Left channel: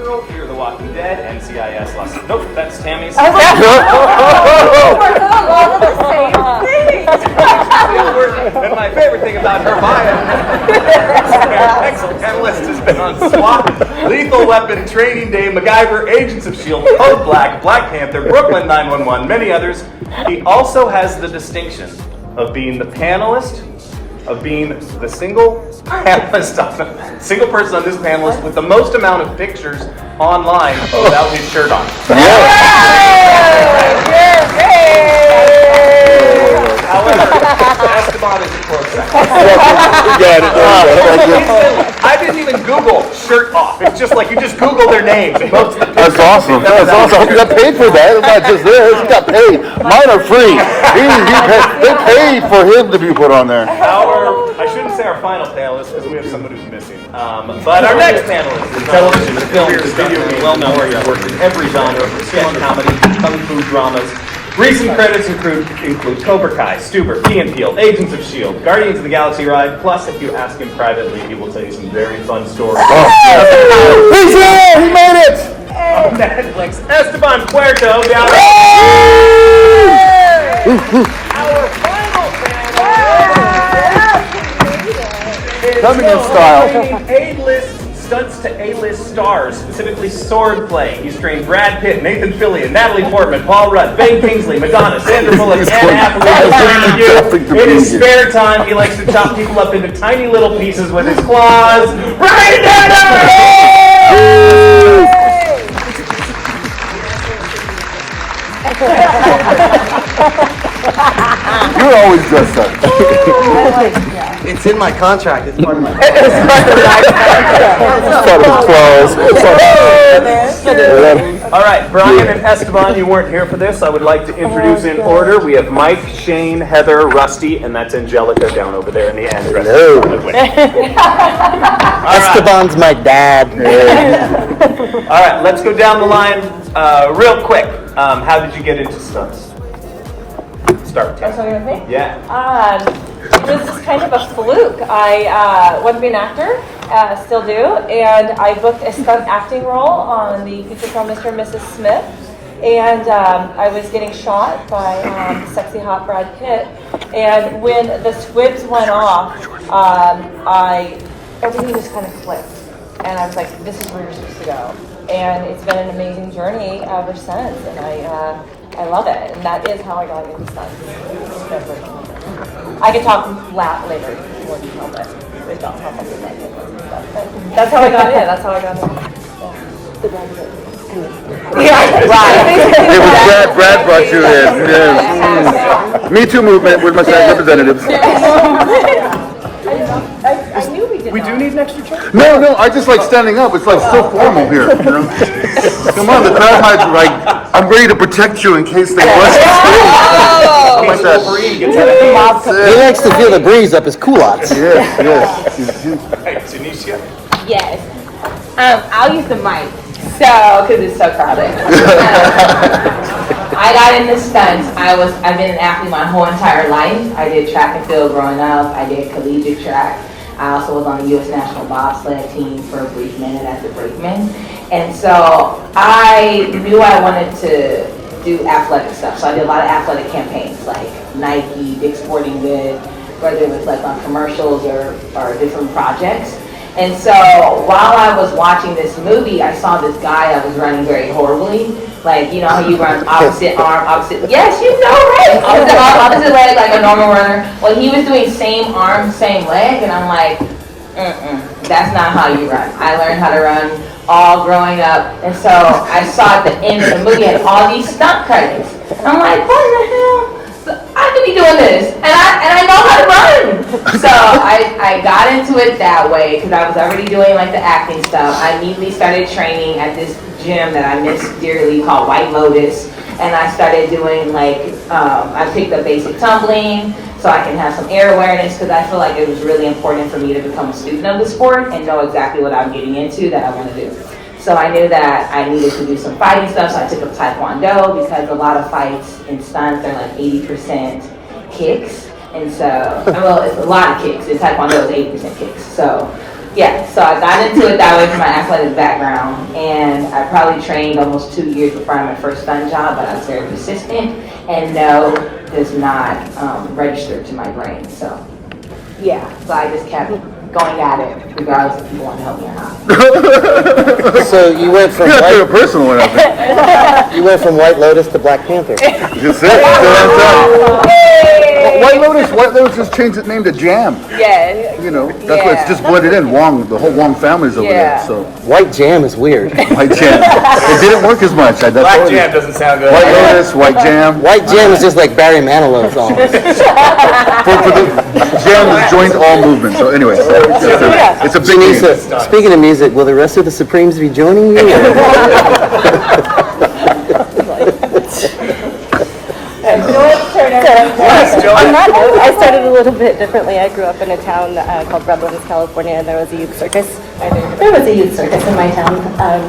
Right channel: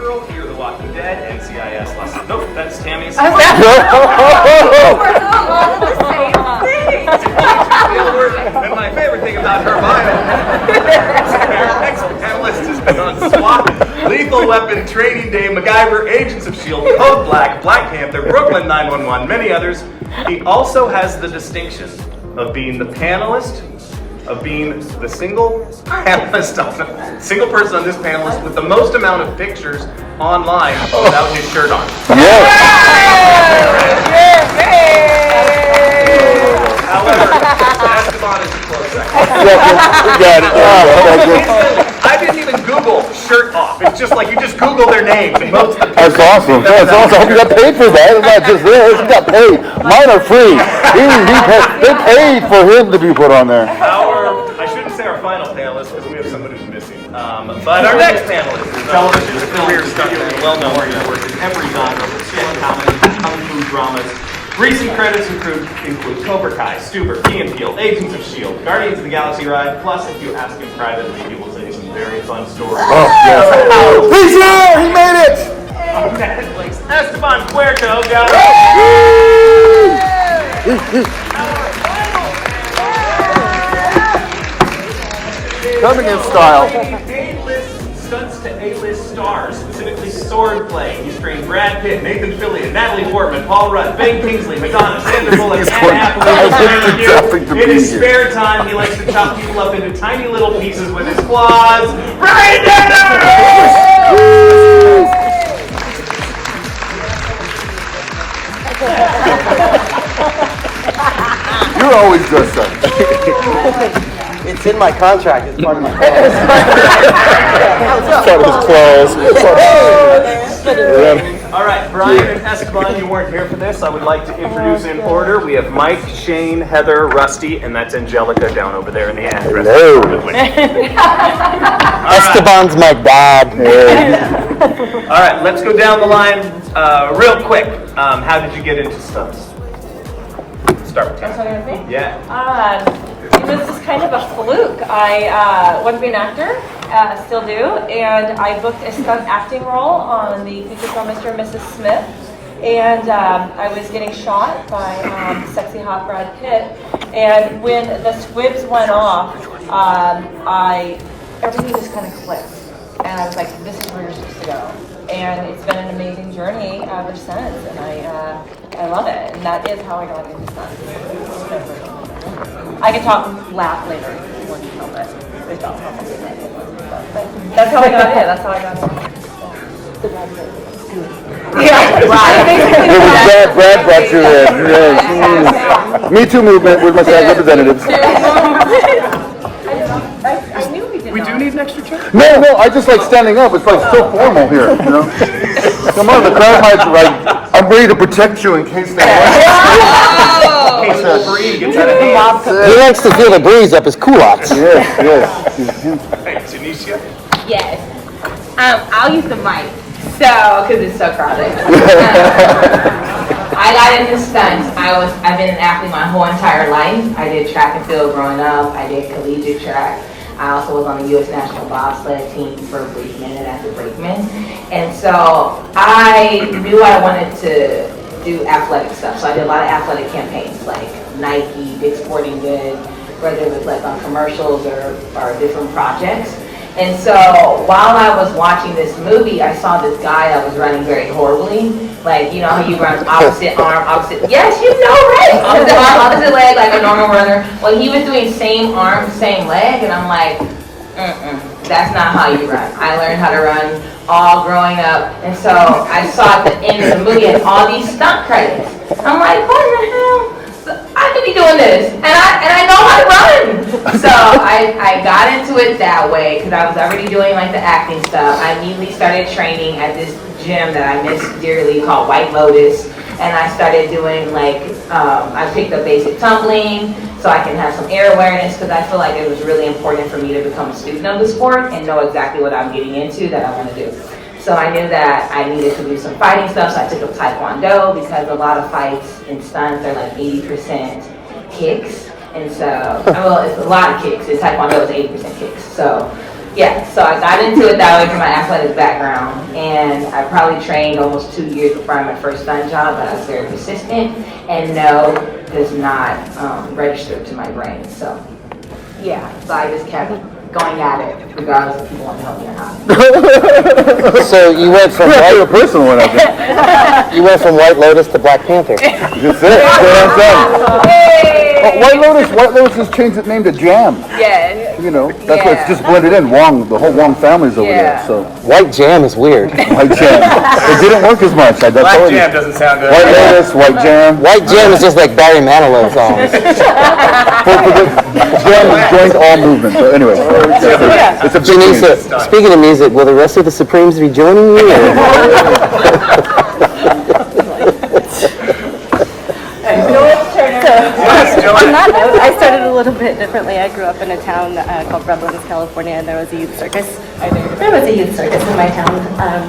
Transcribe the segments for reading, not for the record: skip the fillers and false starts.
Supergirl, Fear the Walking Dead, NCIS Lost. Nope, that's Tammy's. Oh my God, the same thing. And my favorite thing about her next panelist has been on SWAT, Lethal Weapon, Training Day, MacGyver, Agents of S.H.I.E.L.D., Code Black, Black Panther, Brooklyn 911, many others. He also has the distinction of being the panelist, of being the single panelist, single person on this panelist with the most amount of pictures online without his shirt on. However, Esteban is a close second. We got it, there you go. I didn't even Google shirt off. It's just like you just Google their names. And most of the That's awesome. That's awesome. You got paid for that. It's not just theirs. You got paid. Mine are free. They paid for him to be put on there. I shouldn't say our final panelist because we have someone who's missing. But our next panelist is television, film, studio, and more. He's worked in every genre, from sketch comedy, kung fu dramas. Recent credits include Cobra Kai, Stuber, Key and Peele, Agents of S.H.I.E.L.D., Guardians of the Galaxy ride, plus if you ask him privately, he will tell you some very fun stories. Oh, yeah. He's here! He made it! On Netflix, Esteban Cueto down Coming in style. Stunts to A-list stars, specifically swordplay. He's trained Brad Pitt, Nathan Fillion, Natalie Portman, Paul Rudd, Ben Kingsley, Madonna, Sandra Bullock, and Hathaway. In his spare time, he likes to chop people up into tiny little pieces with his claws. Ryan You're always dressed up. It's in my contract. It's part of my All right, Brian and Esteban, you weren't here for this. I would like to introduce in order. We have Mike, Shane, Heather, Rusty, and that's Angelica down over there in the end. Esteban's my dad. All right, let's go down the line real quick. How did you get into stunts? Start with Are you talking with me? Yeah. It was just kind of a fluke. I wanted to be an actor, still do, and I booked a stunt acting role on the feature film Mr. and Mrs. Smith, and I was getting shot by sexy hot Brad Pitt, and when the squibs went off, everything just kind of clicked, and I was like, this is where you're supposed to go, and it's been an amazing journey ever since, and I love it, and that is how I got into stunts. I could talk later more detail, but we don't talk about that. But that's how I got in. That's how I got in. Yeah, right. Brad brought you in. Yes. Me Too movement with my representatives. I knew we did. We do need an extra chair? No, I just like standing up. It's like so formal here, you know? Come on, the crowd might like, I'm ready to protect you in case they want He likes to feel the breeze up his culottes. Yes. Janeshia? Yes. I'll use the mic. So, because it's so crowded. I got into stunts. I've been an athlete my whole entire life. I did track and field growing up. I did collegiate track. I also was on the U.S. national bobsled team for a brief minute as a brakeman. And so I knew I wanted to do athletic stuff. So I did a lot of athletic campaigns like Nike, Dick's Sporting Goods, whether it was like on commercials or different projects. And so while I was watching this movie, I saw this guy that was running very horribly. Like, you know how you run opposite arm, opposite, yes, you know, right? Opposite arm, opposite leg, like a normal runner. Well, he was doing same arm, same leg, and I'm like, that's not how you run. I learned how to run all growing up, and so I saw at the end of the movie had all these stunt credits. I'm like, what the hell? I could be doing this, and I know how to run. So I got into it that way because I was already doing like the acting stuff. I immediately started training at this gym that I miss dearly called White Lotus, and I started doing like I picked up basic tumbling so I can have some air awareness because I feel like it was really important for me to become a student of the sport and know exactly what I'm getting into that I want to do. So I knew that I needed to do some fighting stuff, so I took up Taekwondo because a lot of fights and stunts are like 80% kicks. And so, well, it's a lot of kicks. In Taekwondo, it's 80% kicks. So Yeah, so I got into it that way from my athletic background, and I probably trained almost 2 years before I had my first stunt job, but I was very persistent, and no, does not register to my brain. So yeah, so I just kept going at it, regardless if people want to help me or not. So you went from You're a personal one, I think. you went from White Lotus to Black Panther. Just it. That's what I'm saying. White Lotus just changed its name to Jam. Yeah. You know, that's why it's just blended in. Wong, the whole Wong family's over Yeah. there. So White Jam is weird. White Jam. It didn't work as much. That's Black all it Jam is. doesn't sound good. White Lotus, White Jam. White Jam is just like Barry Manilow songs. For the Jam has joined all movements. So anyway, it's a big change. Janeshia, speaking of music, will the rest of the Supremes be joining you? Or? On that note, I started a little bit differently. I grew up in a town called Redlands, California, and there was a youth circus. There was a youth circus in my town,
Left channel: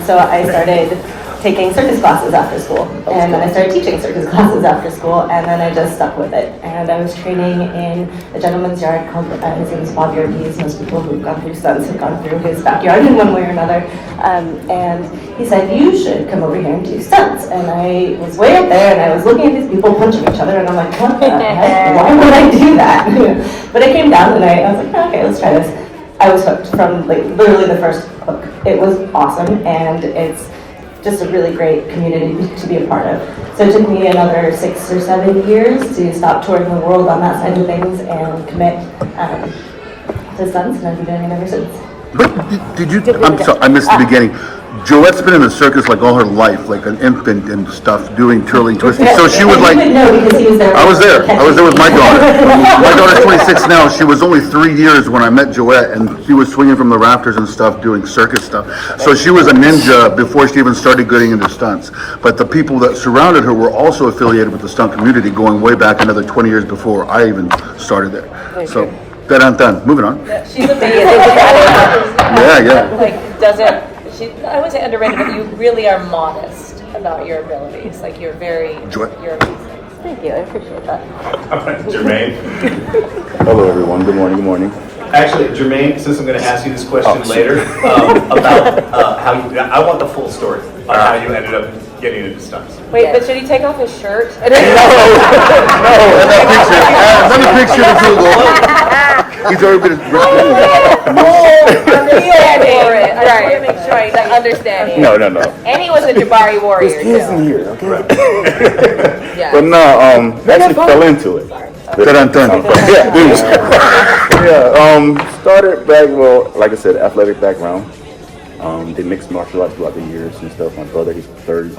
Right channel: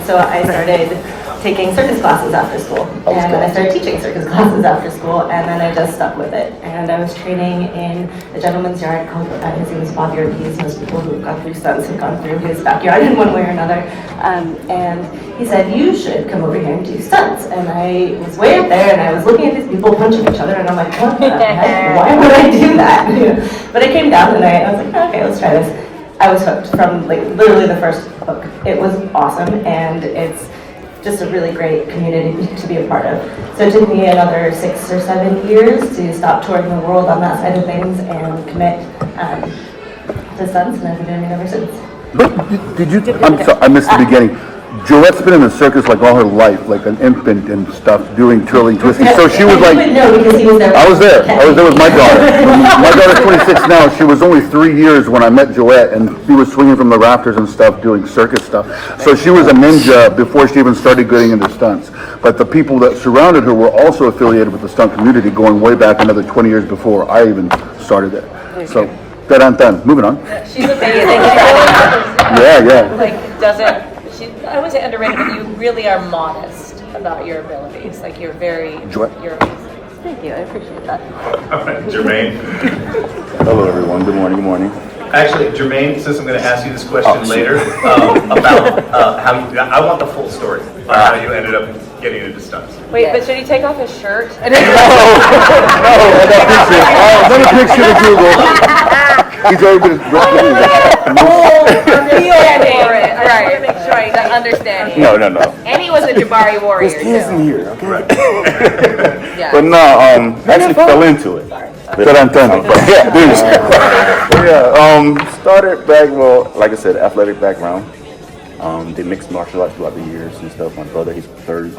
so I started taking circus classes after school, and then I started teaching circus classes after school, and then I just stuck with it. And I was training in a gentleman's yard called, his name is Bob Yorkies. Most people who've gone through stunts have gone through his backyard in one way or another. And he said, you should come over here and do stunts. And I was way up there, and I was looking at these people punching each other, and I'm like, what the heck? Why would I do that? But I came down, and I was like, okay, let's try this. I was hooked from like literally the first hook. It was awesome, and it's just a really great community to be a part of. So it took me another 6 or 7 years to stop touring the world on that side of things and commit to stunts, and I've been doing it ever since. But did you? I'm sorry, I missed the beginning. Joette's been in the circus like all her life, like an infant and stuff, doing twirling, twisting. So she was like, No, because he was there. I was there with my daughter. My daughter's 26 now. She was only 3 years when I met Joette, and he was swinging from the rafters and stuff, doing circus stuff. So she was a ninja before she even started getting into stunts. But the people that surrounded her were also affiliated with the stunt community, going way back another 20 years before I even started it. So, moving on. She's amazing. Thank you for adding that. Yeah. Like, I wouldn't say underrated, but you really are modest about your abilities. Like, you're Joette. you're amazing. Thank you, I appreciate that. Jermaine. Hello, everyone. Good morning. Actually, Jermaine, since I'm going to ask you this question later, about how you, I want the full story on how you ended up getting into stunts. Wait, but should he take off his shirt? Let me picture the Google. He's already been Understanding. I just want to make sure I understanding. No. And he was a Jabari warrior, too. Here, okay? Yeah. But no, actually fell into it. Started back, well, like I said, athletic background. Did mixed martial arts throughout the years and stuff. My brother, he's third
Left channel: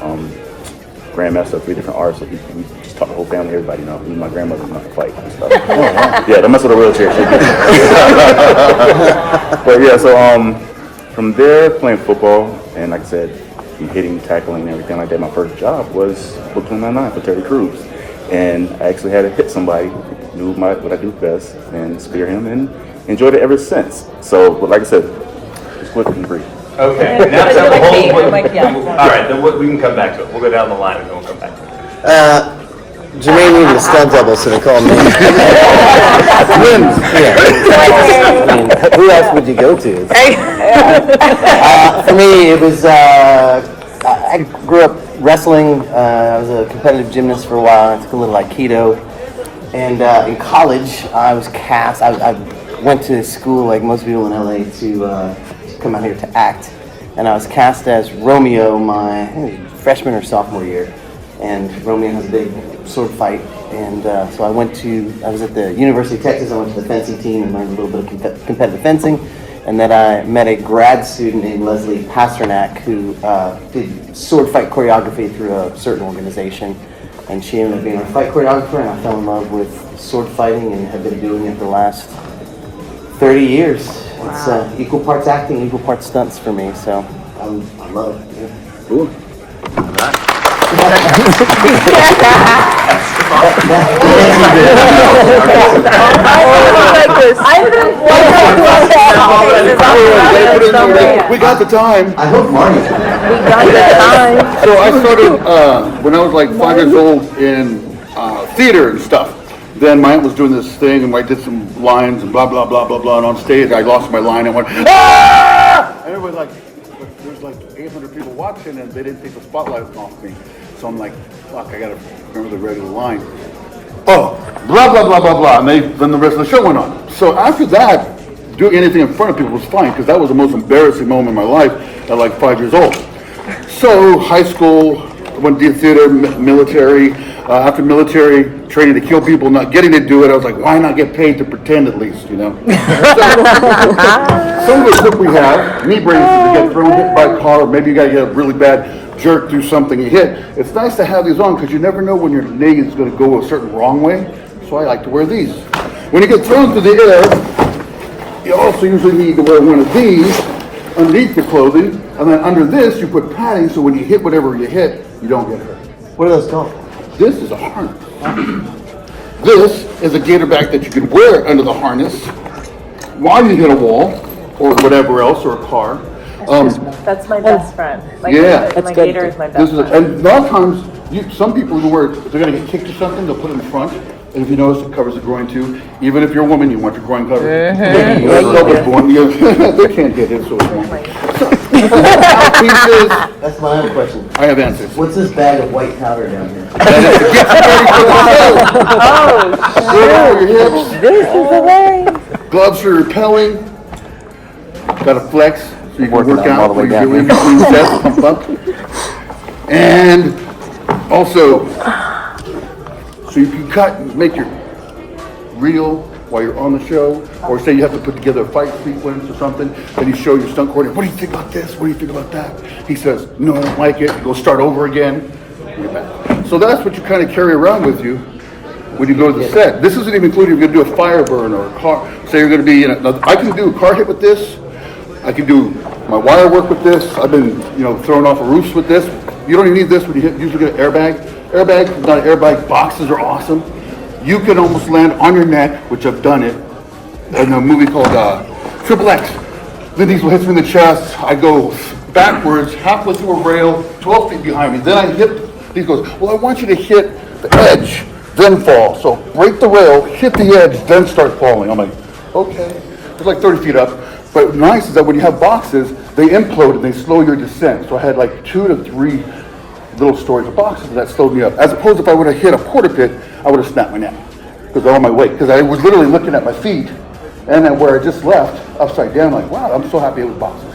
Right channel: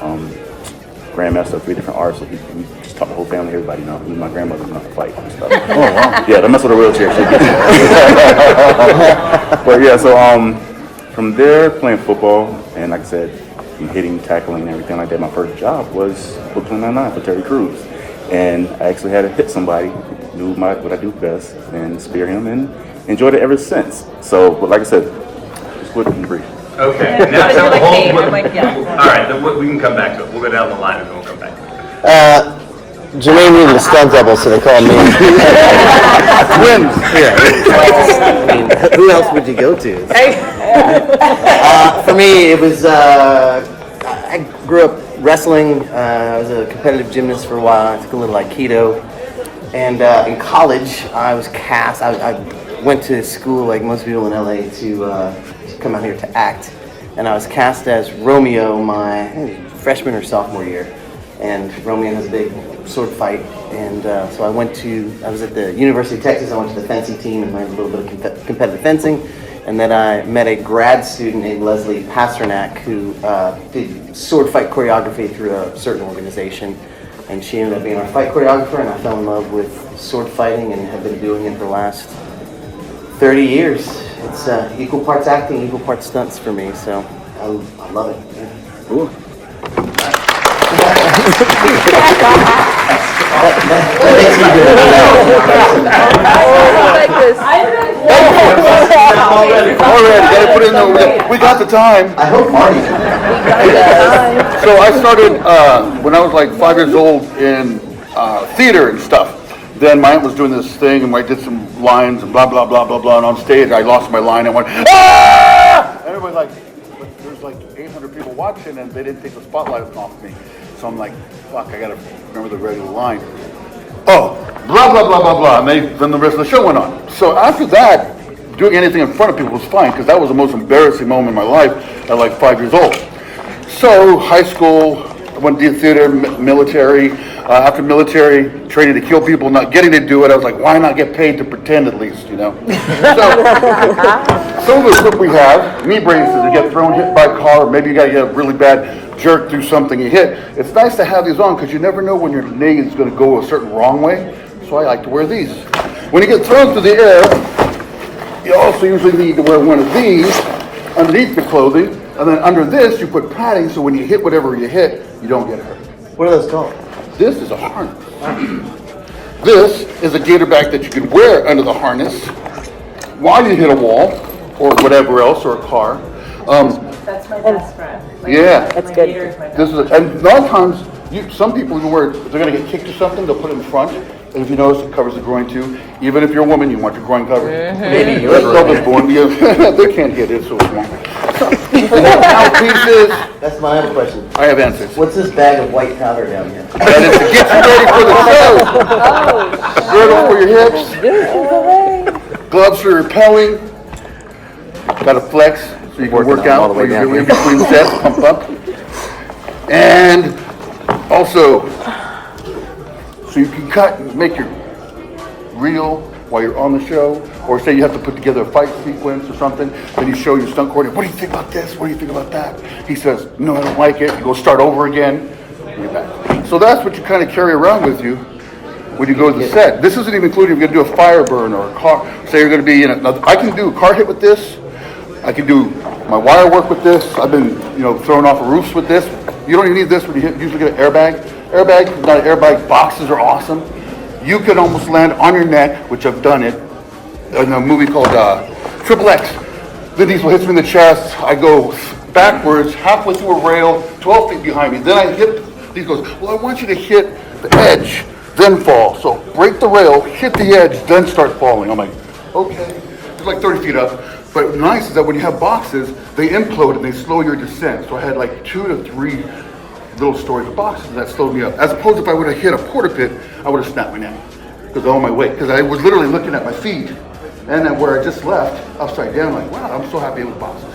grandmaster of 3 different arts, so we just taught the whole family, everybody, even my grandmother's not to fight and stuff. Oh, wow. Yeah, don't mess with a wheelchair. But yeah, so from there, playing football, and like I said, hitting, tackling, and everything like that. My first job was Book 299 for Terry Crews. And I actually had to hit somebody, knew what I do best, and spear him, and enjoyed it ever since. So, but like I said, just quick and brief. Okay. Now You're like me. whole, I'm like, yeah. all right, then we can come back to it. We'll go down the line and then we'll come back to it. Jermaine needed a stunt double, so they called me. Who else would you go to? For me, it was, I grew up wrestling. I was a competitive gymnast for a while. I took a little Aikido. And in college, I was cast. I went to school, like most people in LA, to come out here to act. And I was cast as Romeo my freshman or sophomore year. And Romeo has a big sword fight. And so I was at the University of Texas. I went to the fencing team and learned a little bit of competitive fencing. And then I met a grad student named Leslie Pasternak who did sword fight choreography through a certain organization. And she ended up being our fight choreographer, and I fell in love with sword fighting and have been doing it for the last 30 years. It's equal parts acting, equal parts stunts for me, so I love it. Yeah. Ooh. We got the time. I hope Marty. So I started when I was like 5 years old in theater and stuff. then my aunt was doing this thing, and I did some lines and blah, blah, blah, blah, blah, and on stage I lost my line and went, ah! And everybody like, there's like 800 people watching, and they didn't take the spotlight off me. So I'm like, fuck, I gotta remember the regular line. Oh, blah, blah, blah, blah, blah, and then the rest of the show went on. So after that, doing anything in front of people was fine, because that was the most embarrassing moment in my life at like 5 years old. So high school, I went to theater, military. After military, training to kill people, not getting to do it, I was like, why not get paid to pretend at least, you know? So, some of the stuff we have, knee braces to get thrown, hit by a car, or maybe you got to get a really bad jerk through something you hit. It's nice to have these on because you never know when your knee is going to go a certain wrong way. So I like to wear these. When you get thrown through the air, you also usually need to wear one of these underneath your clothing, and then under this you put padding so when you hit whatever you hit, you don't get hurt. What are those called? This is a harness. This is a gator bag that you can wear under the harness while you hit a wall or whatever else, or a car. That's my best friend. Like, Yeah. my gator is my best This is friend. and a lot of times, some people even wear, if they're going to get kicked or something, they'll put it in front. And if you notice, it covers the groin too. Even if you're a woman, you want your groin covered. Maybe you're was born. They can't get it, so it's small. Pieces. That's my other question. I have answers. What's this bag of white powder down here? And it's to get you ready for the show. Girdle for your hips. This is hilarious. Gloves for repelling. Got a flex so you can Working work on out all the way when down you're in here. between sets, pump up. And also, so you can cut and make it real while you're on the show, or say you have to put together a fight sequence or something, and you show your stunt coordinator, what do you think about this? What do you think about that? He says, no, I don't like it. Go start over again. So that's what you kind of carry around with you when you go to the set. This isn't even including if you're going to do a fire burn or a car. Say you're going to be in I can do a car hit with this. I can do my wire work with this. I've been, thrown off of roofs with this. You don't even need this when you usually get an airbag. Airbag, not an airbag, boxes are awesome. You can almost land on your neck, which I've done it, in a movie called Triple X. Vin Diesel hits me in the chest. I go backwards, halfway through a rail, 12 feet behind me. Then I hit, he goes, well, I want you to hit the edge, then fall. So break the rail, hit the edge, then start falling. I'm like, okay. It's like 30 feet up. But what's nice is that when you have boxes, they implode and they slow your descent. So I had like 2 to 3 little stories of boxes that slowed me up. As opposed to if I would have hit a porta pit, I would have snapped my neck because of all my weight. Because I was literally looking at my feet, and then where I just left, upside down, I'm like, wow, I'm so happy it was boxes.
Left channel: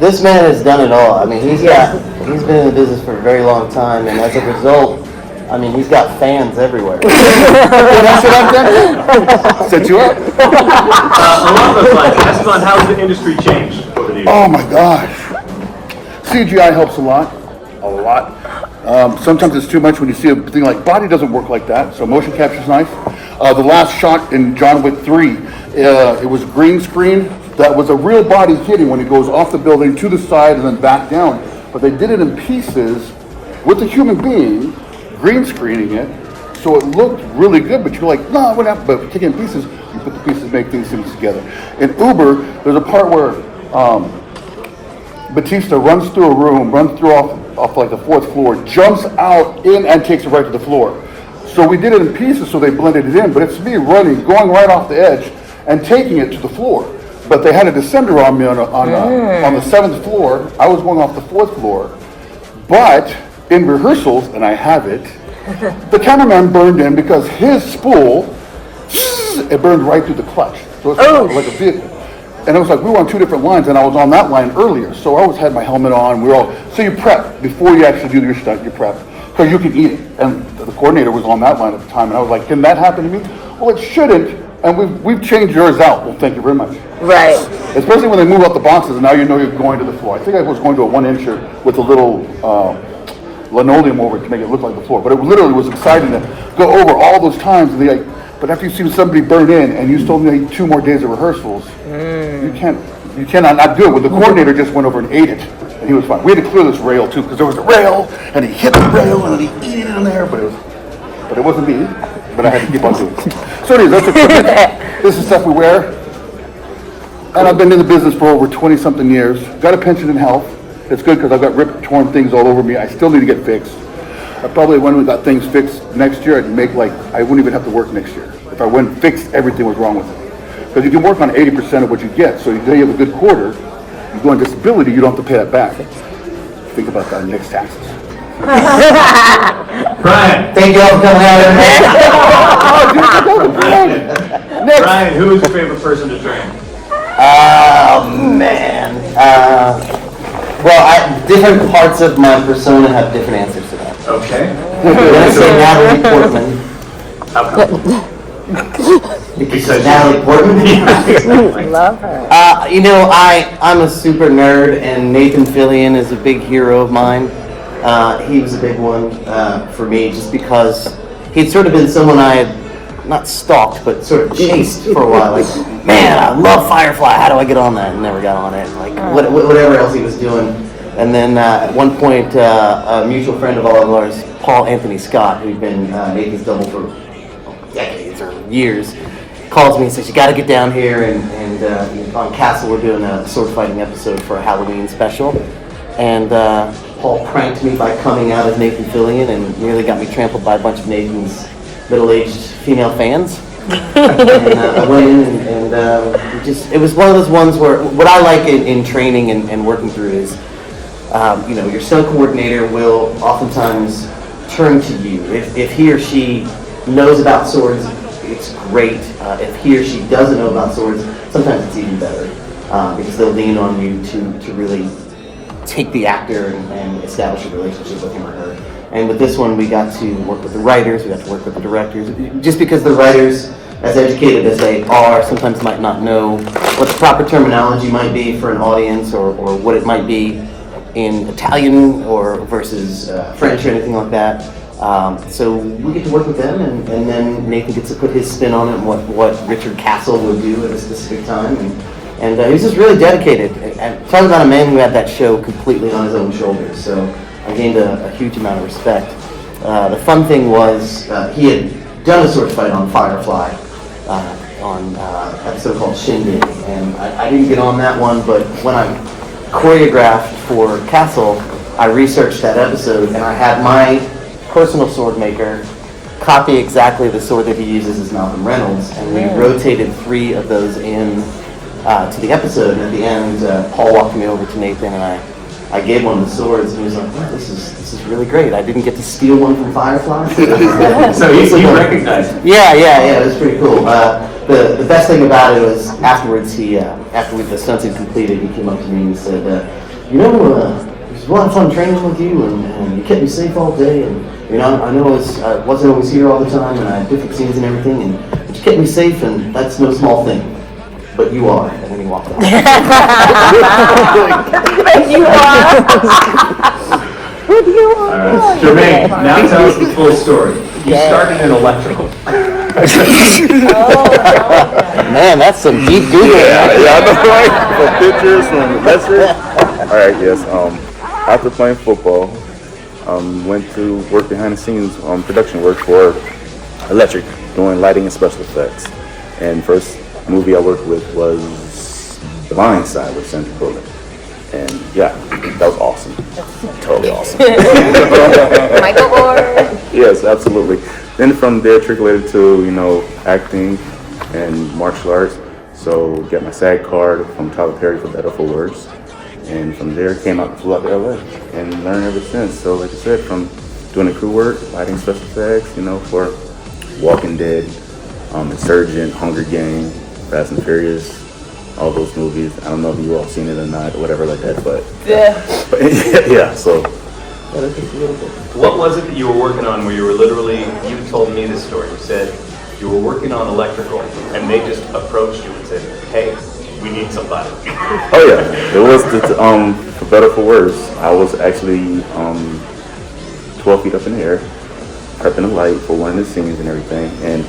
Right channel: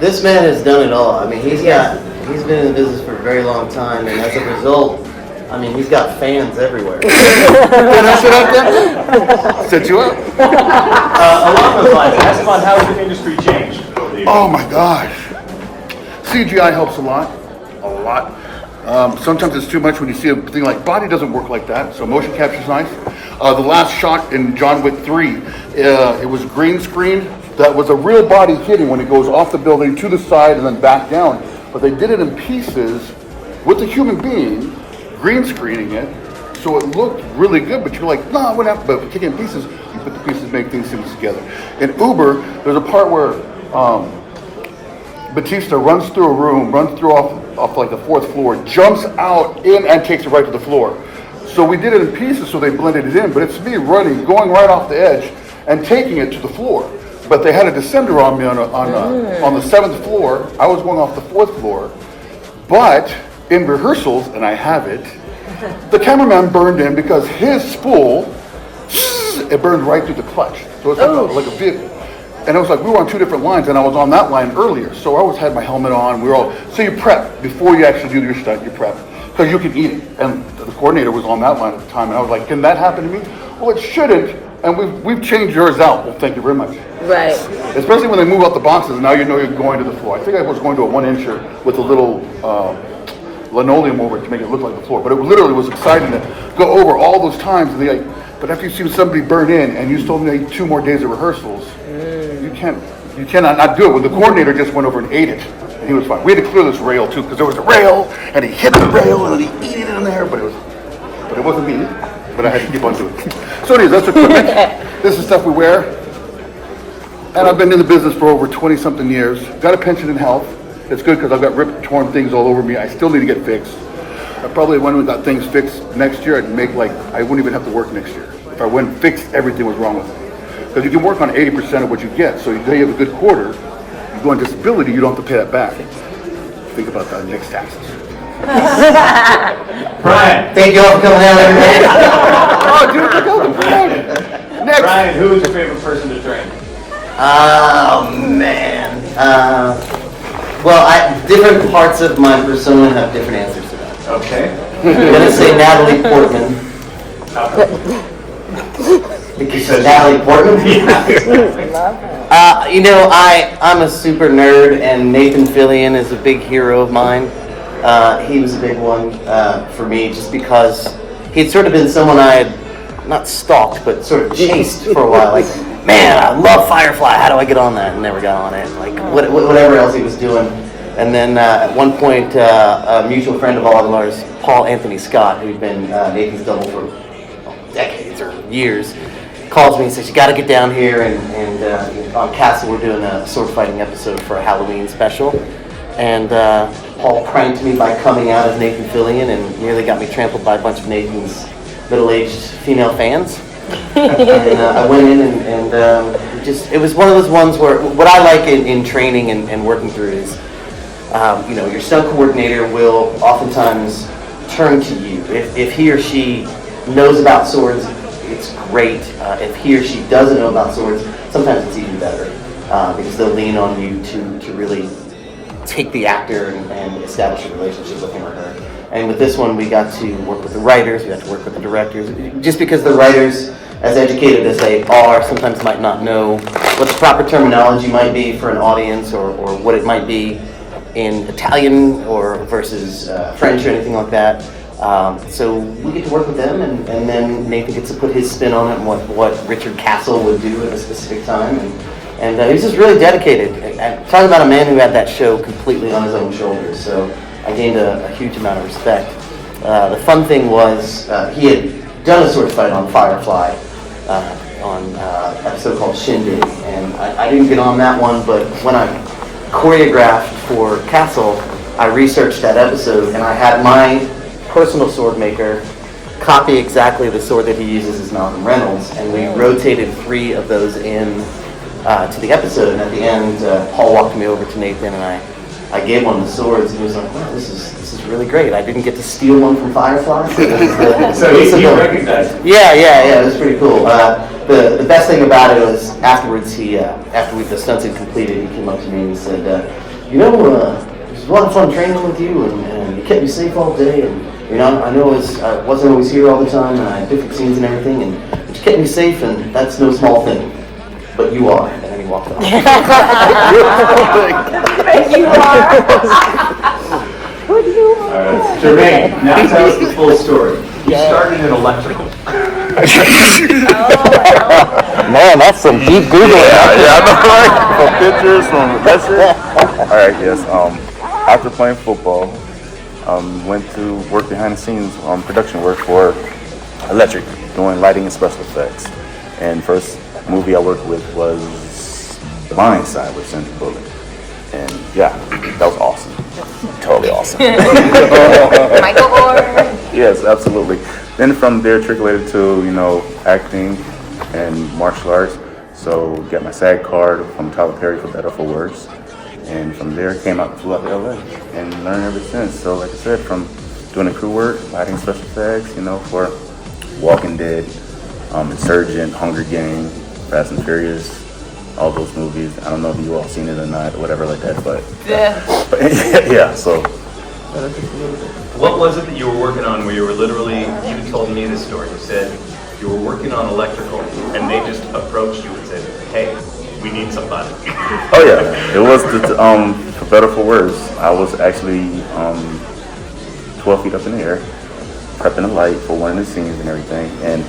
This man has done it all. I mean, he's been in the business for a very long time, and as a result, I mean, he's got fans everywhere. Did I sit up then? Set you up. Along those lines, Esteban, how has the industry changed over the years? Oh my gosh. CGI helps a lot. Sometimes it's too much when you see a thing like body doesn't work like that, so motion capture is nice. The last shot in John Wick 3, it was green screen. That was a real body hitting when it goes off the building to the side and then back down. But they did it in pieces with a human being, green screening it, so it looked really good. But you're like, no, we're not. But taking pieces, you put the pieces, make these things together. In Uber, there's a part where Batista runs through a room, runs through off like the 4th floor, jumps out in and takes it right to the floor. So we did it in pieces so they blended it in, but it's me running, going right off the edge and taking it to the floor. But they had a descender on me on the 7th floor. I was going off the 4th floor. But in rehearsals, and I have it, the cameraman burned in because his spool, it burned right through the clutch. So it's like a vehicle. And it was like we were on 2 different lines, and I was on that line earlier. So I always had my helmet on. So you prep before you actually do your stunt. You prep because you can eat it. And the coordinator was on that line at the time, and I was like, "Can that happen to me?" Well, it shouldn't. And we've changed yours out. Well, thank you very much. Right. Especially when they move out the boxes, and now you know you're going to the floor. I think I was going to a 1-incher with a little linoleum over it to make it look like the floor. But it literally was exciting to go over all those times. And like, but after you've seen somebody burn in, and you told me 2 more days of rehearsals. You cannot not do it. When the coordinator just went over and ate it, and he was fine. We had to clear this rail too, because there was a rail, and he hit the rail, and he ate it in there, but it wasn't me. But I had to keep on doing it. So anyways, that's equipment. This is stuff we wear. And I've been in the business for over 20-something years. Got a pension in health. It's good because I've got ripped, torn things all over me. I still need to get fixed. I probably when we got things fixed next year, I'd make like, I wouldn't even have to work next year. If I went and fixed everything was wrong with it. Because you can work on 80% of what you get. So if you have a good quarter, you go on disability, you don't have to pay that back. Think about that next taxes. Brian. Thank you all for coming out, everybody. Next. Brian, who is your favorite person to train? Oh man. Well, different parts of my persona have different answers to that. Okay. I'm gonna say Natalie Portman. How come? Because she's Natalie Portman. I love her. I'm a super nerd, and Nathan Fillion is a big hero of mine. He was a big one for me, just because he'd sort of been someone I had not stalked, but sort of chased for a while. Like, man, I love Firefly. How do I get on that? And never got on it. Like, whatever else he was doing. And then at one point, a mutual friend of all of ours, Paul Anthony Scott, who'd been Nathan's double for decades or years, calls me and says, you got to get down here. And on Castle, we're doing a sword fighting episode for a Halloween special. And Paul pranked me by coming out as Nathan Fillion and nearly got me trampled by a bunch of Nathan's middle-aged female fans. And I went in and it was one of those ones where what I like in training and working through is, your stunt coordinator will oftentimes turn to you. If he or she knows about swords, it's great. If he or she doesn't know about swords, sometimes it's even better because they'll lean on you to really take the actor and establish a relationship with him or her. And with this one, we got to work with the writers, we got to work with the directors. Just because the writers, as educated as they are, sometimes might not know what the proper terminology might be for an audience or what it might be in Italian or versus French or anything like that. So we get to work with them, and then Nathan gets to put his spin on it and what Richard Castle would do at a specific time. And he was just really dedicated. And talking about a man who had that show completely on his own shoulders. So I gained a huge amount of respect. The fun thing was he had done a sword fight on Firefly on an episode called Shindig. And I didn't get on that one, but when I choreographed for Castle, I researched that episode, and I had my personal sword maker copy exactly the sword that he uses as Malcolm Reynolds, and we rotated 3 of those in to the episode, and at the end, Paul walked me over to Nathan, and I gave one of the swords, and he was like, wow, this is really great. I didn't get to steal one from Firefly. So he recognized it. Yeah, it was pretty cool. The best thing about it was afterwards, after the stunts had completed, he came up to me and said, it was a lot of fun training with you, and you kept me safe all day, and I know I wasn't always here all the time, and I had different scenes and everything, but you kept me safe, and that's no small thing. But you are, and then he walked off. You All right, Jermaine, now tell us the full story. You started in electrical. Man, that's some deep Google. Yeah, I know, right? From pictures, from message. All right, yes. After playing football, went to work behind the scenes on production work for Electric, doing lighting and special effects. And first movie I worked with was The Blind Side with Sandra Bullock. And yeah, that was awesome. Totally awesome. Michael Moore. Yes, absolutely. Then from there, trickulated to, acting and martial arts. So got my SAG card from Tyler Perry for better or for worse. And from there, flew out to LA and learned ever since. So like I said, from doing the crew work, lighting special effects, for Walking Dead, Insurgent, Hunger Games, Fast and Furious, all those movies. I don't know if you all seen it or not, or whatever like that, but yeah, so. What was it you were working on where you were literally, you told me the story, you said you were working on electrical and they just approached you and said, hey, we need somebody. Oh yeah, it was for better or for worse. I was actually 12 feet up in the air, prepping a light for one of the scenes and everything, and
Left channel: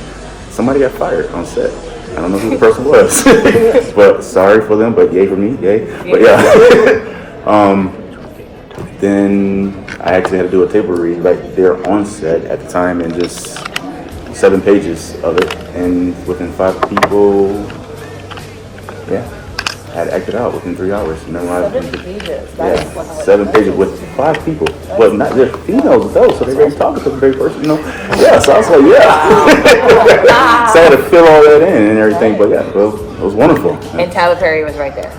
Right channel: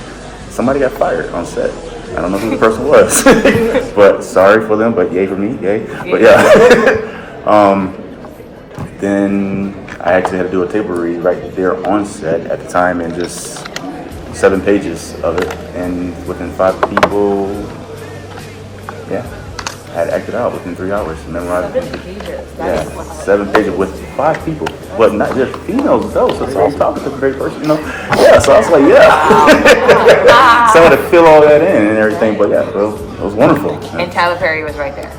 somebody got fired on set. I don't know who the person was, but sorry for them, but yay for me, yay. But yeah. Then I actually had to do a table read right there on set at the time, and just 7 pages of it, and within 5 people, yeah. I had to act it out within 3 hours. Memorized. 7 pages. Yeah, 7 pages with 5 people, but not just females though. So they were talking to the very first, Yeah, so I was like, yeah. So I had to fill all that in and everything. But yeah, so it was wonderful. And Tyler Perry was right there.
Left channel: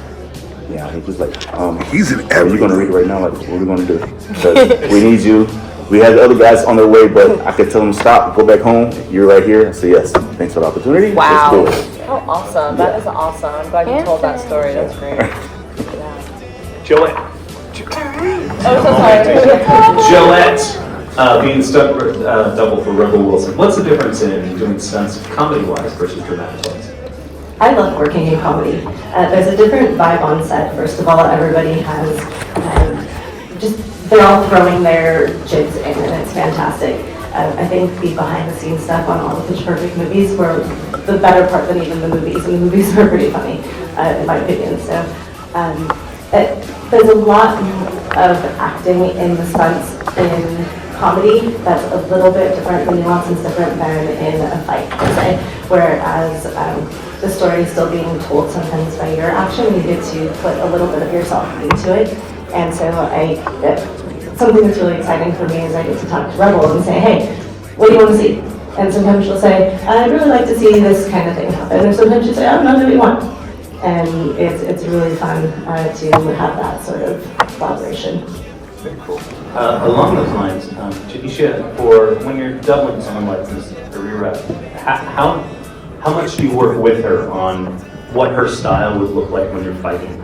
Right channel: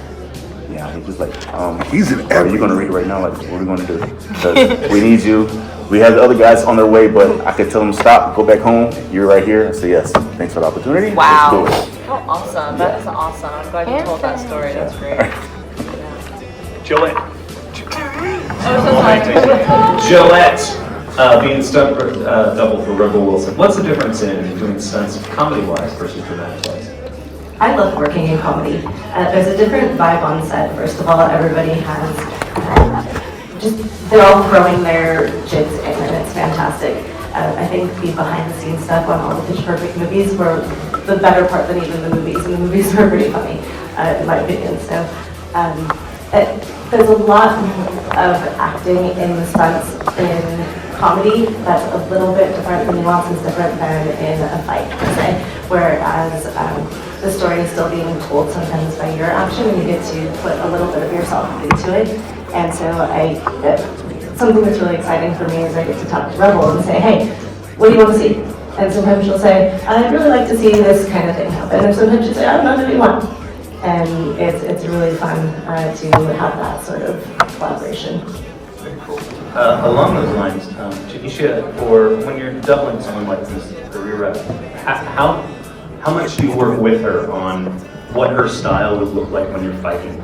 Yeah, he was like, are you gonna read it right now? Like, what are we gonna do? Because we need you. We have the other guys on their way, but I could tell them stop, go back home. You're right here. I say yes. Thanks for the opportunity. Wow. Let's do it. Oh, awesome. That is awesome. I'm glad you told that story. That's great. Joette. Oh, so Joette, being stunt double for Rebel Wilson. What's the difference in doing stunts comedy-wise versus dramatic-wise? I love working in comedy. There's a different vibe on set. First of all, everybody has they're all throwing their jigs in, and it's fantastic. I think the behind-the-scenes stuff on all the Pitch Perfect movies were the better part than even the movies, and the movies were pretty funny, in my opinion. So there's a lot of acting in the stunts in comedy that's a little bit different, the nuance is different than in a fight, per se. Whereas the story is still being told sometimes by your action, you get to put a little bit of yourself into it. And so something that's really exciting for me is I get to talk to Rebel and say, hey, what do you want to see? And sometimes she'll say, I'd really like to see this kind of thing happen. And sometimes she'll say, I don't know what you want. And it's really fun to have that sort of collaboration. Along those lines, Janeshia, for when you're doubling someone like this, the rep, how much do you work with her on what her style would look like when you're fighting?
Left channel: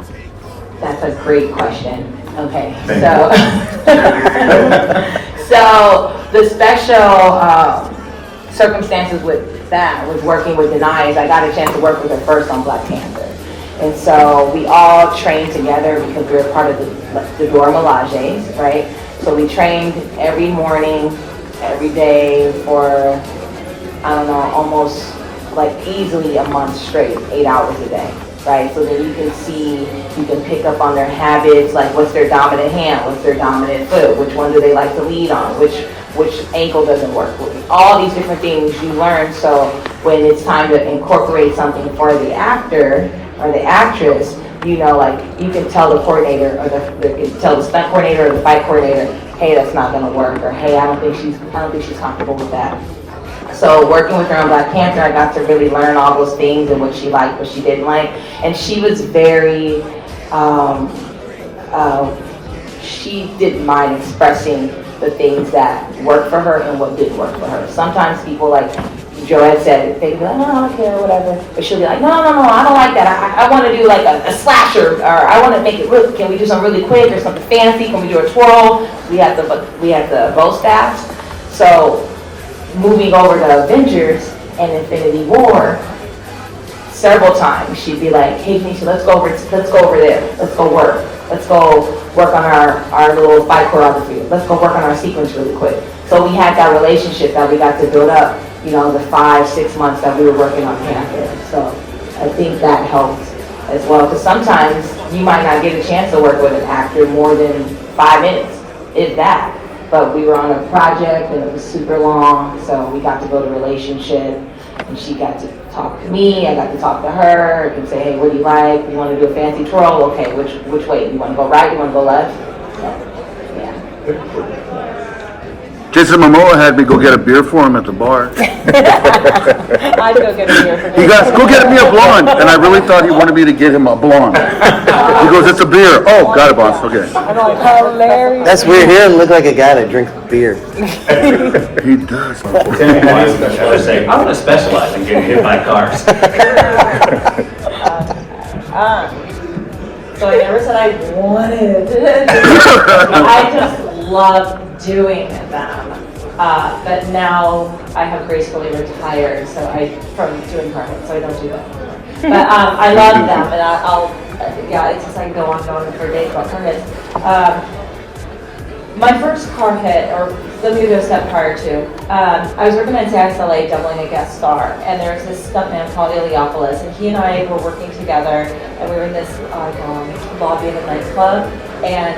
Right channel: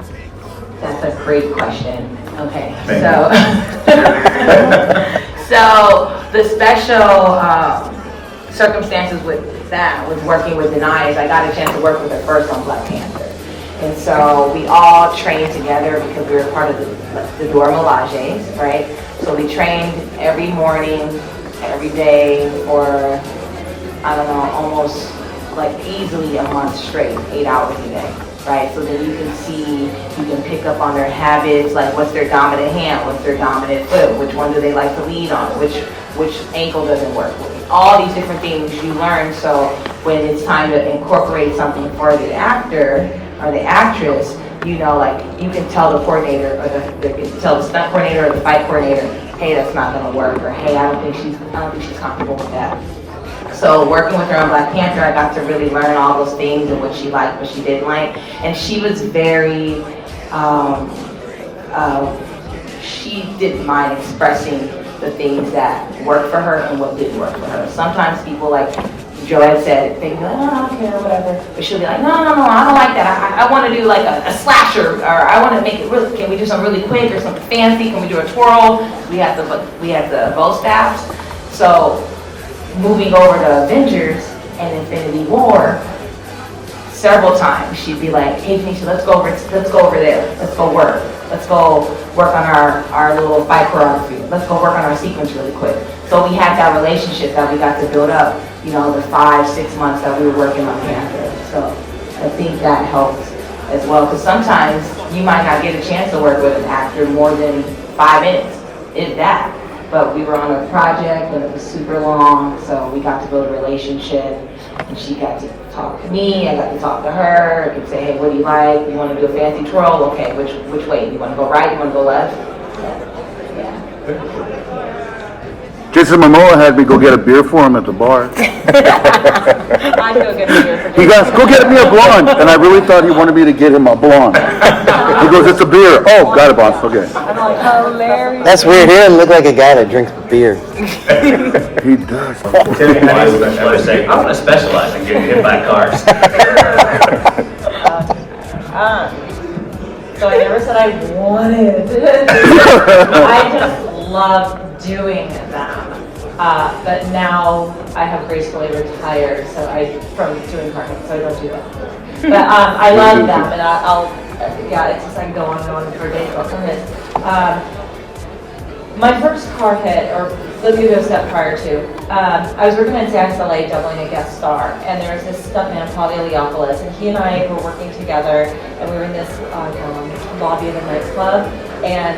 That's a great question. Okay, Thank so the special circumstances with that was working with Denai is I got a chance to work with her first on Black Panther. And so we all trained together because we were part of the Dora Milaje, right? So we trained every morning, every day for, I don't know, almost like easily a month straight, 8 hours a day, right? So that you can see, you can pick up on their habits, like what's their dominant hand, what's their dominant foot, which one do they like to lead on, which ankle doesn't work with. All these different things you learn, so when it's time to incorporate something for the actor or the actress, like you can tell the coordinator or tell the stunt coordinator or the fight coordinator, hey, that's not gonna work, or hey, I don't think she's comfortable with that. So working with her on Black Panther, I got to really learn all those things and what she liked, what she didn't like. And she was very, she didn't mind expressing the things that worked for her and what didn't work for her. Sometimes people, like Joette said, they'd be like, no, I don't care, or whatever. But she'll be like, no, I don't like that. I want to do like a slasher, or I want to make it really, can we do something really quick or something fancy? Can we do a twirl? We had the bow staffs. So moving over to Avengers and Infinity War, several times she'd be like, hey Keisha, let's go over there. Let's go work. Let's go work on our little fight choreography. Let's go work on our sequence really quick. So we had that relationship that we got to build up, the 5-6 months that we were working on Panther. So I think that helps as well, because sometimes you might not get a chance to work with an actor more than 5 minutes, if that. But we were on a project and it was super long, so we got to build a relationship, and she got to talk to me, I got to talk to her, and say, hey, what do you like? You want to do a fancy twirl? Okay, which way? You want to go right? You want to go left? Yeah. Jason Momoa had me go get a beer for him at the bar. I'd go get a beer for He goes, go get me a blonde. And I really thought he wanted me to get him a blonde. He goes, it's a beer. Oh, got it, boss. Okay. I'm like, hilarious. That's weird. He doesn't look like a guy that drinks beer. He does. I would say, I want to specialize in getting hit by cars. So I never said I wanted. I just love doing them. But now I have gracefully retired, from doing carpet, so I don't do that. But I love them, and it's just I can go on and on for days about carpet. My first car hit, or let me go a step prior to, I was working on CSLA doubling a guest star, and there was this stuntman called Iliopolis, and he and I were working together, and we were in this lobby of a nightclub, and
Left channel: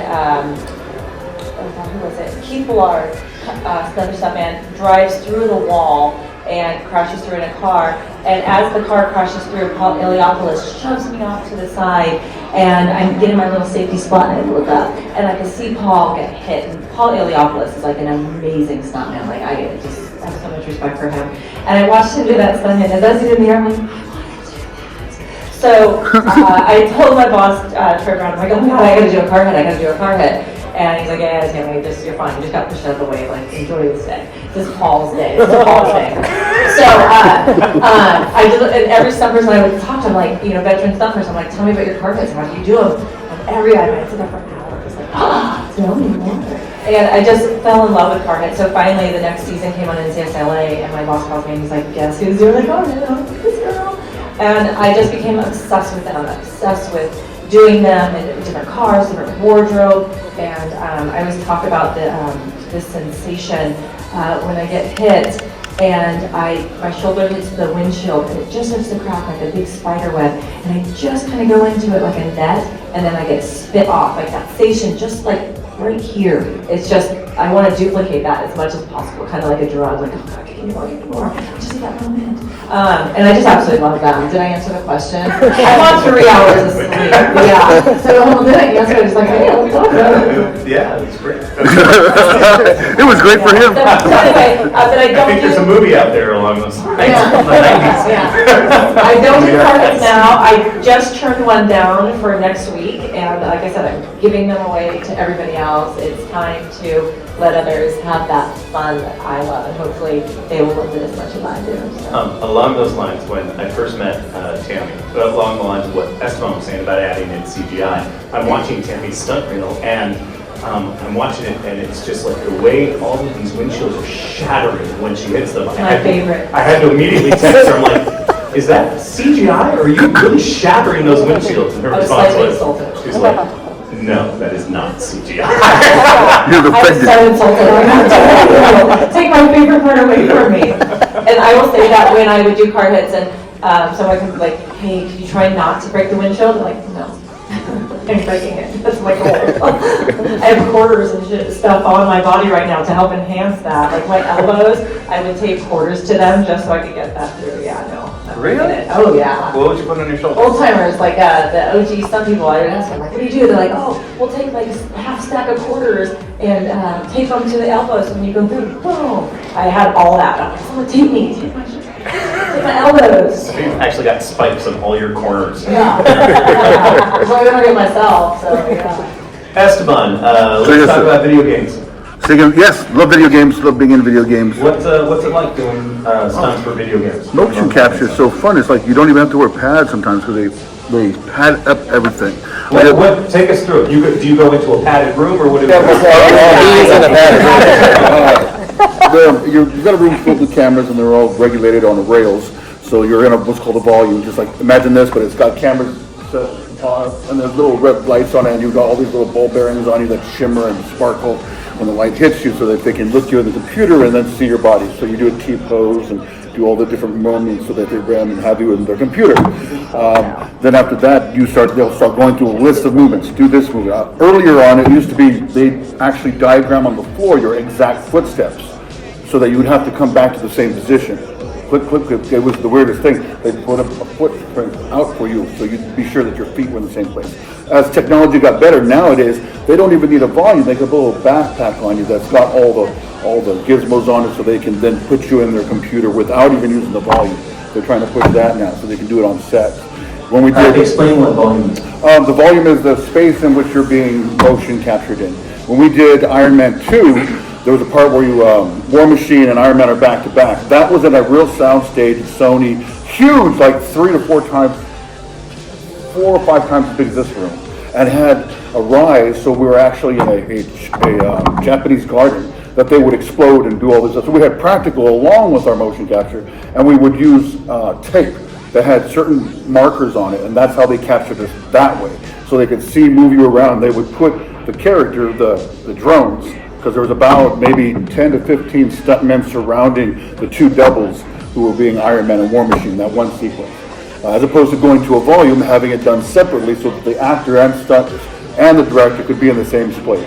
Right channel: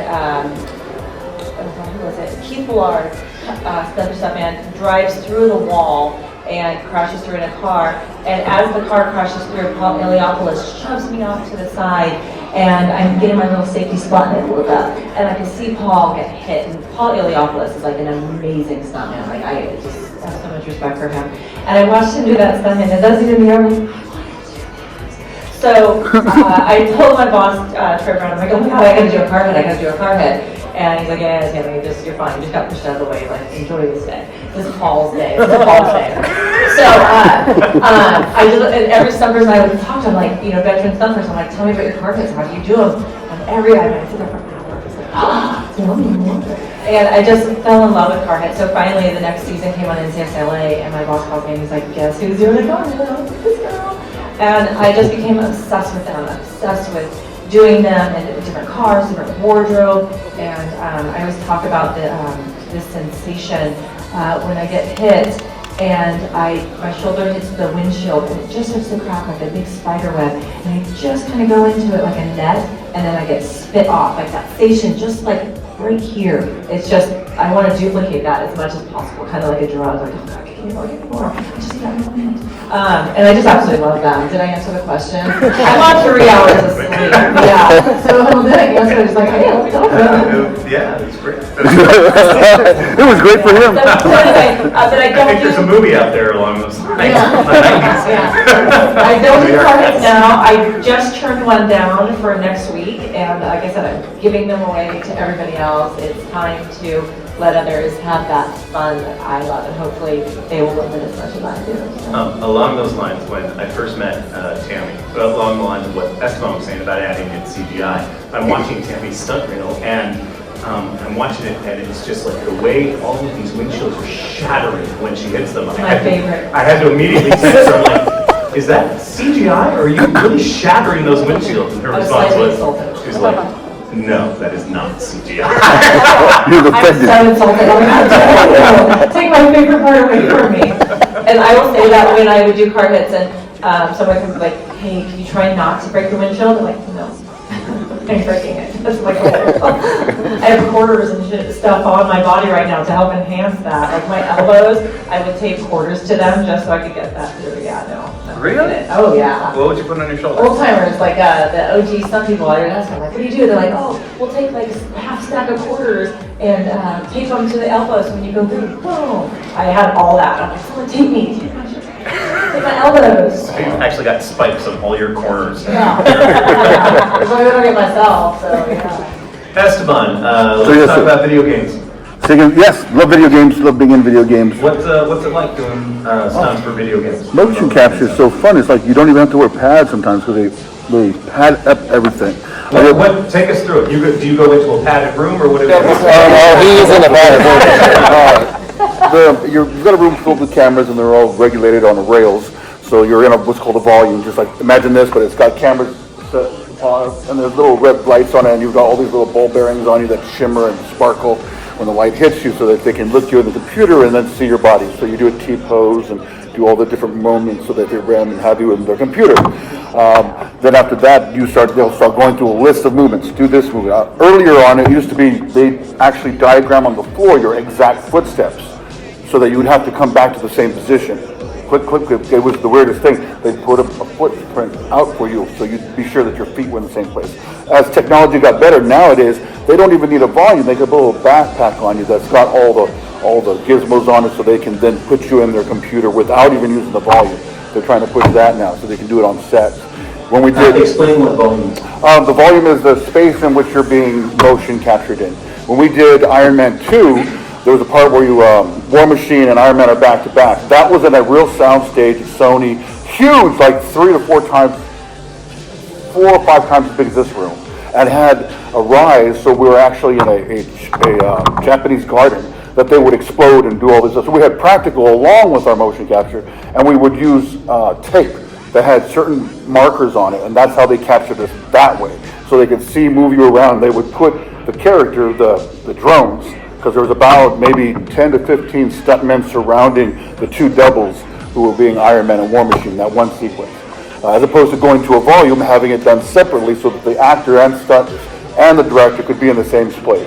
who was it? Keith Ballard another stuntman drives through the wall and crashes through in a car. And as the car crashes through, Paul Iliopoulos shoves me off to the side, and I'm getting my little safety spot, and I look up, and I can see Paul get hit. And Paul Iliopoulos is like an amazing stuntman. Like, I just have so much respect for him. And I watched him do that stuntman, and does he do me? I'm like, so I told my boss, Troy Brown, I'm like, oh my God, I gotta do a car hit. And he's like, yeah, Tammy, you're fine. You just got pushed out of the way. Like, enjoy this day. This is Paul's day. This is Paul's day. So I did, and every stumpers I would talk to, I'm like, veteran stumpers, I'm like, tell me about your car hits. How do you do them? And every night I sit there for hours. Like, tell me more. And I just fell in love with car hits. So finally, the next season came on NCSLA, and my boss called me and he's like, guess who's doing the car hit? I'm like, this girl. And I just became obsessed with them, obsessed with doing them in different cars, different wardrobe, and I always talk about this sensation when I get hit and my shoulder hits the windshield and it just starts to crack like a big spider web, and I just kind of go into it like a net, and then I get spit off, like that sensation, just like right here. It's just, I want to duplicate that as much as possible, kind of like a drug, like, just that moment. And I just absolutely love them. Did I answer the question? I'm on 3 hours of sleep. Yeah. So I'm good. I was like, Yeah, it's great. It was great for him. But I don't think there's a movie out there along those lines. I don't do car hits now. I just turned one down for next week, and like I said, I'm giving them away to everybody else. It's time to let others have that fun that I love, and hopefully they will love it as much as I do. Along those lines, when I first met Tammy, along the lines of what Esteban was saying about adding in CGI, I'm watching Tammy's stunt reel, and I'm watching it, and it's just like the way all of these windshields are shattering when she hits them. My favorite. I had to immediately text her, I'm like, is that CGI, or are you really shattering those windshields? And her I was response slightly was, insulted. she's like, no, that is not CGI. I was so insulted. I'm like, take my favorite part away from me. And I will say that when I would do car hits and someone can be like, hey, can you try not to break the windshield? I'm like, no. I'm breaking it. That's like, oh. I have quarters and stuff on my body right now to help enhance that. Like my elbows, I would tape quarters to them just so I could get that through. Yeah, no. Really? Oh, yeah. What would you put on your shoulder? Old timers, like the OG, some people, I ask them, like, what do you do? They're like, oh, we'll take like a half stack of quarters and tape them to the elbows, so when you go through, boom. I had all that. I'm like, someone tape me, take my elbows. So you actually got spikes on all your corners. Yeah. I'm going to get myself, so yeah. Esteban, let's yes, talk sir. about video games. Yes, love video games, love being in video games. What's it like doing stunts for video games? Motion capture is so fun. It's like you don't even have to wear pads sometimes because they pad up everything. Take us through it. Do you go into a padded room, or what? You've got a room filled with cameras, and they're all regulated on the rails. So you're in what's called a volume. Just like imagine this, but it's got cameras and there's little red lights on it, and you've got all these little ball bearings on you that shimmer and sparkle when the light hits you, so that they can look you in the computer and then see your body. So you do a T-pose and do all the different moments so that they randomly have you in their computer. Then after that, they'll start going through a list of movements. Do this movement. Earlier on, it used to be they actually diagram on the floor your exact footsteps, so that you would have to come back to the same position. Quick. It was the weirdest thing. They'd put a footprint out for you, so you'd be sure that your feet were in the same place. As technology got better, nowadays, they don't even need a volume. They can put a little backpack on you that's got all the gizmos on it, so they can then put you in their computer without even using the volume. They're trying to push that now, so they can do it on set. When we did, explain what volume is. The volume is the space in which you're being motion captured in. When we did Iron Man 2, there was a part where War Machine and Iron Man are back to back. That was in a real soundstage, Sony, huge, like 4 or 5 times as big as this room, and had a rise, so we were actually in a Japanese garden that they would explode and do all this stuff. So we had practical along with our motion capture, and we would use tape that had certain markers on it, and that's how they captured this that way. So they could see, move you around. They would put the character, the drones, because there was about maybe 10 to 15 stuntmen surrounding the 2 doubles who were being Iron Man and War Machine, that one sequence. As opposed to going to a volume, having it done separately so that the actor and stunt and the director could be in the same place.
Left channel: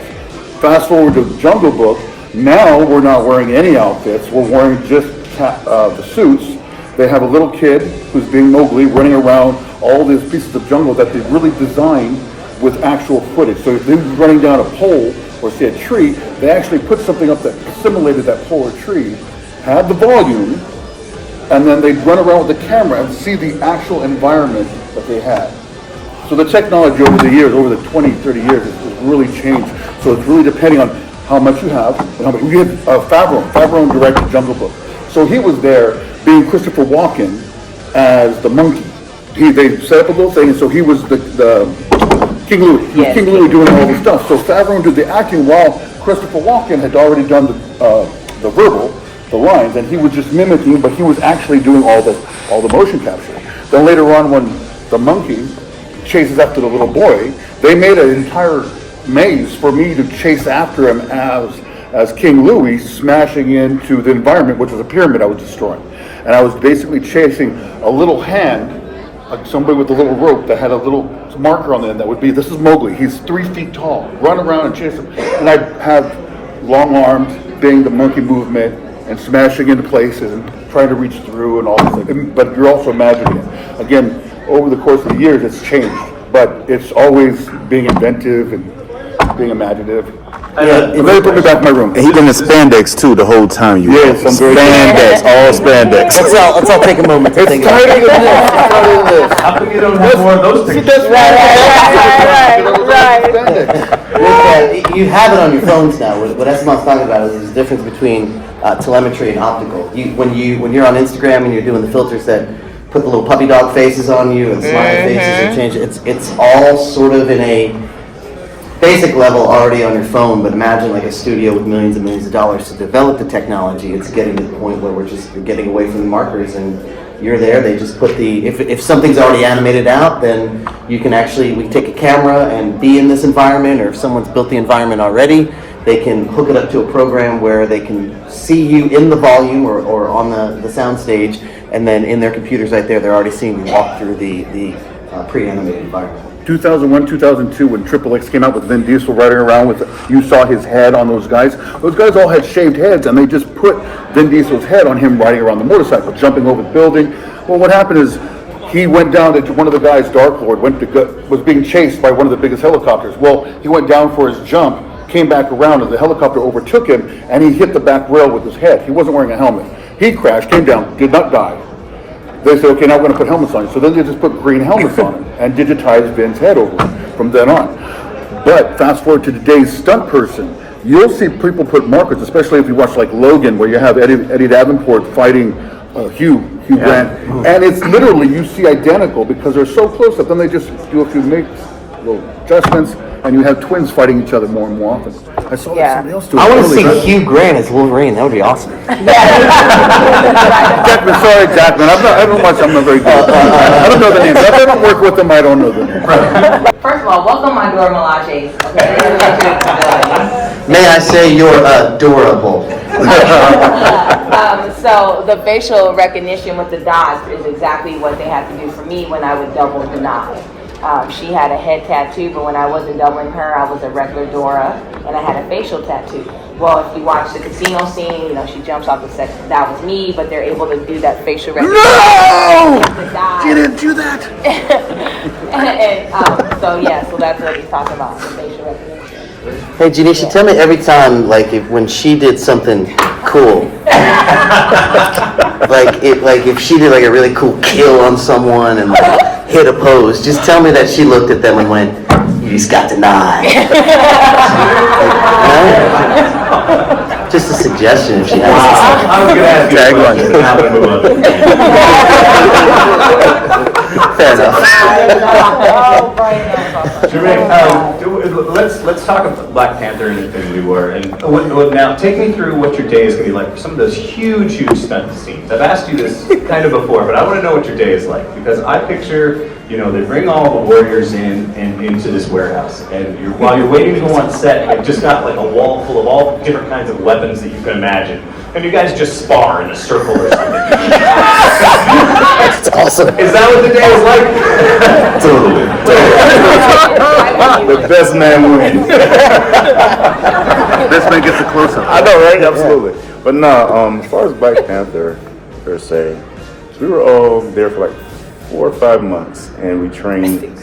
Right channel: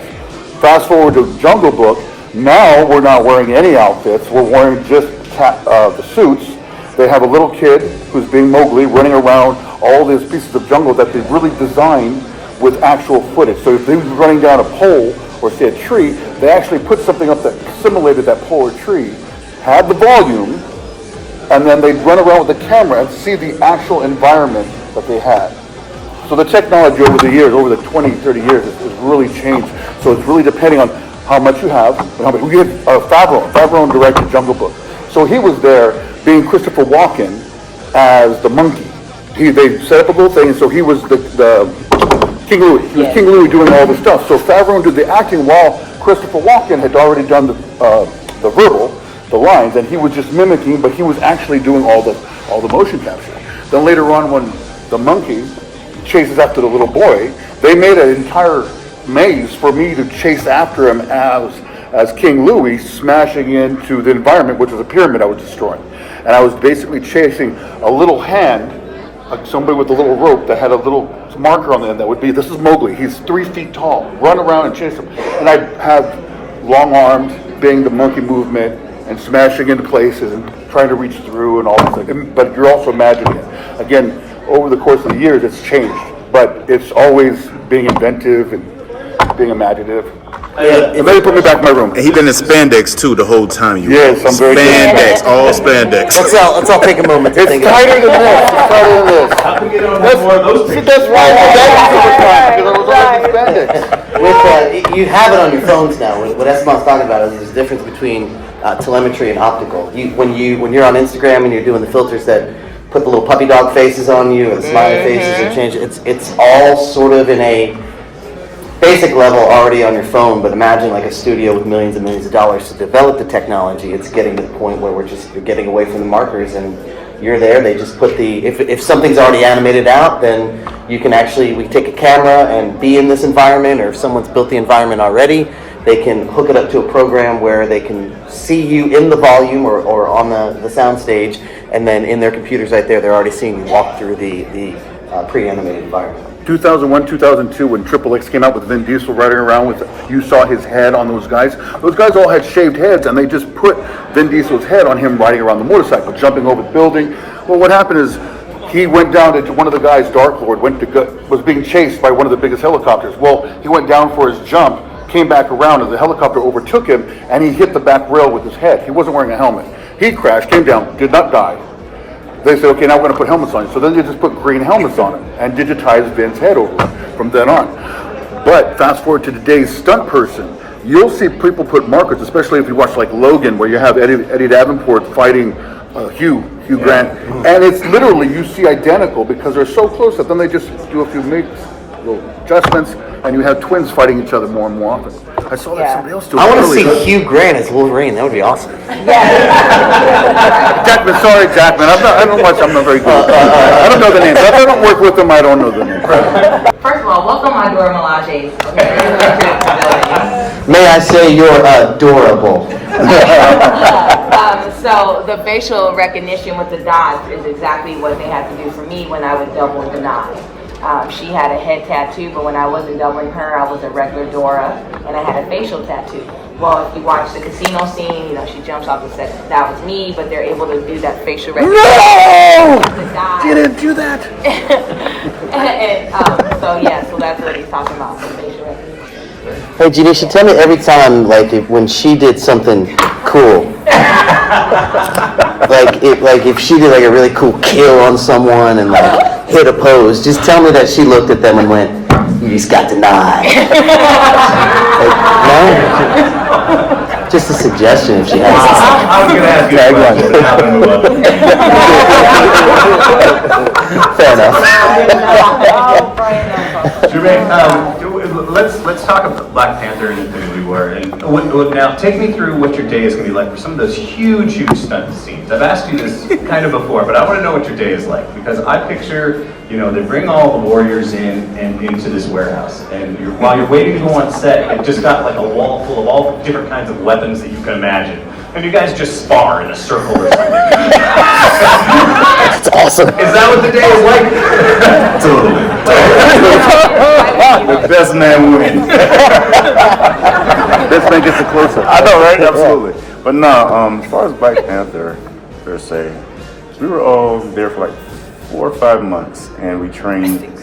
Fast forward to Jungle Book, Now we're not wearing any outfits. We're wearing just the suits. They have a little kid who's being Mowgli running around all these pieces of jungle that they really designed with actual footage. So if he's running down a pole or say a tree, they actually put something up that simulated that pole or tree, had the volume, and then they'd run around with the camera and see the actual environment that they had. So the technology over the years, over the 20, 30 years, has really changed. So it's really depending on how much you have and how much. We had Favreau directed Jungle Book. So he was there being Christopher Walken as the monkey. They set up a little thing, and so he was the King Louis. He was King Louis doing all the stuff. So Favreau did the acting while Christopher Walken had already done the verbal, the lines, and he was just mimicking, but he was actually doing all the motion capture. Then later on, when the monkey chases after the little boy, they made an entire maze for me to chase after him as King Louis, smashing into the environment, which is a pyramid I was destroying. And I was basically chasing a little hand, like somebody with a little rope that had a little marker on the end that would be, this is Mowgli, he's 3 feet tall, run around and chase him. And I'd have long arms, doing the monkey movement, and smashing into places, and trying to reach through and all these things. But you're also imagining it. Again, over the course of the years, it's changed. But it's always being inventive and being imaginative. And then put me back in my room. He been in spandex too the whole time. Yes, I'm very spandex, all spandex. Let's all take a moment to think about it. Tighter than this. It's tighter than this. How come you don't have more of those pictures? You have it on your phones now. What Esteban's talking about is the difference between telemetry and optical. When you're on Instagram and you're doing the filters that put the little puppy dog faces on you and smiley faces and change it's all sort of in a basic level already on your phone. But imagine like a studio with millions and millions of dollars to develop the technology. It's getting to the point where we're getting away from the markers and you're there. They just put if something's already animated out, then we take a camera and be in this environment, or if someone's built the environment already, they can hook it up to a program where they can see you in the volume or on the sound stage, and then in their computers right there, they're already seeing you walk through the pre-animated environment. 2001, 2002, when Triple X came out with Vin Diesel riding around with, you saw his head on those guys. Those guys all had shaved heads, and they just put Vin Diesel's head on him riding around the motorcycle, jumping over the building. Well, what happened is he went down to one of the guys' dartboard, was being chased by one of the biggest helicopters. Well, he went down for his jump, came back around, and the helicopter overtook him, and he hit the back rail with his head. He wasn't wearing a helmet. He crashed, came down, did not die. They said, okay, now we're going to put helmets on you. So then they just put green helmets on him and digitized Vin's head over from then on. But fast forward to today's stunt person, you'll see people put markers, especially if you watch like Logan, where you have Eddie Davenport fighting Hugh Grant. And it's literally, you see identical because they're so close up. Then they just do a few little adjustments, and you have twins fighting each other more and more often. I saw that somebody else do it. I want to see Hugh Grant as Wolverine. That would be awesome. Jackman, sorry, Jackman. I'm not very good. I don't know the names. If I don't work with them, I don't know the names. First of all, welcome my Dora Milajes. Okay, May I say you're adorable. So the facial recognition with the dots is exactly what they had to do for me when I would double deny. She had a head tattoo, but when I wasn't doubling her, I was a regular Dora, and I had a facial tattoo. Well, if you watch the casino scene, she jumps off the set. That was me, but they're able to do that facial recognition. No! You didn't do that. So that's what he's talking about, the facial recognition. Hey, Janeshia, tell me every time, when she did something cool, if she did a really cool kill on someone and hit a pose, just tell me that she looked at them and went, "You just got denied." Just a suggestion. If she has. I'm going to ask you a question, but how to move up. Fair enough. Jermaine, let's talk about Black Panther and Infinity War. And now, take me through what your day is going to be like for some of those huge stunt scenes. I've asked you this kind of before, but I want to know what your day is like, because I picture, they bring all the warriors in and into this warehouse, and while you're waiting to go on set, you've just got like a wall full of all different kinds of weapons that you can imagine, and you guys just spar in a circle or something. That's awesome. Is that what the day is like? Totally. The best man wins. Let's make this a closer. I know, right? Absolutely. But no, as far as Black Panther per se, we were all there for like 4 or 5 months, and we trained.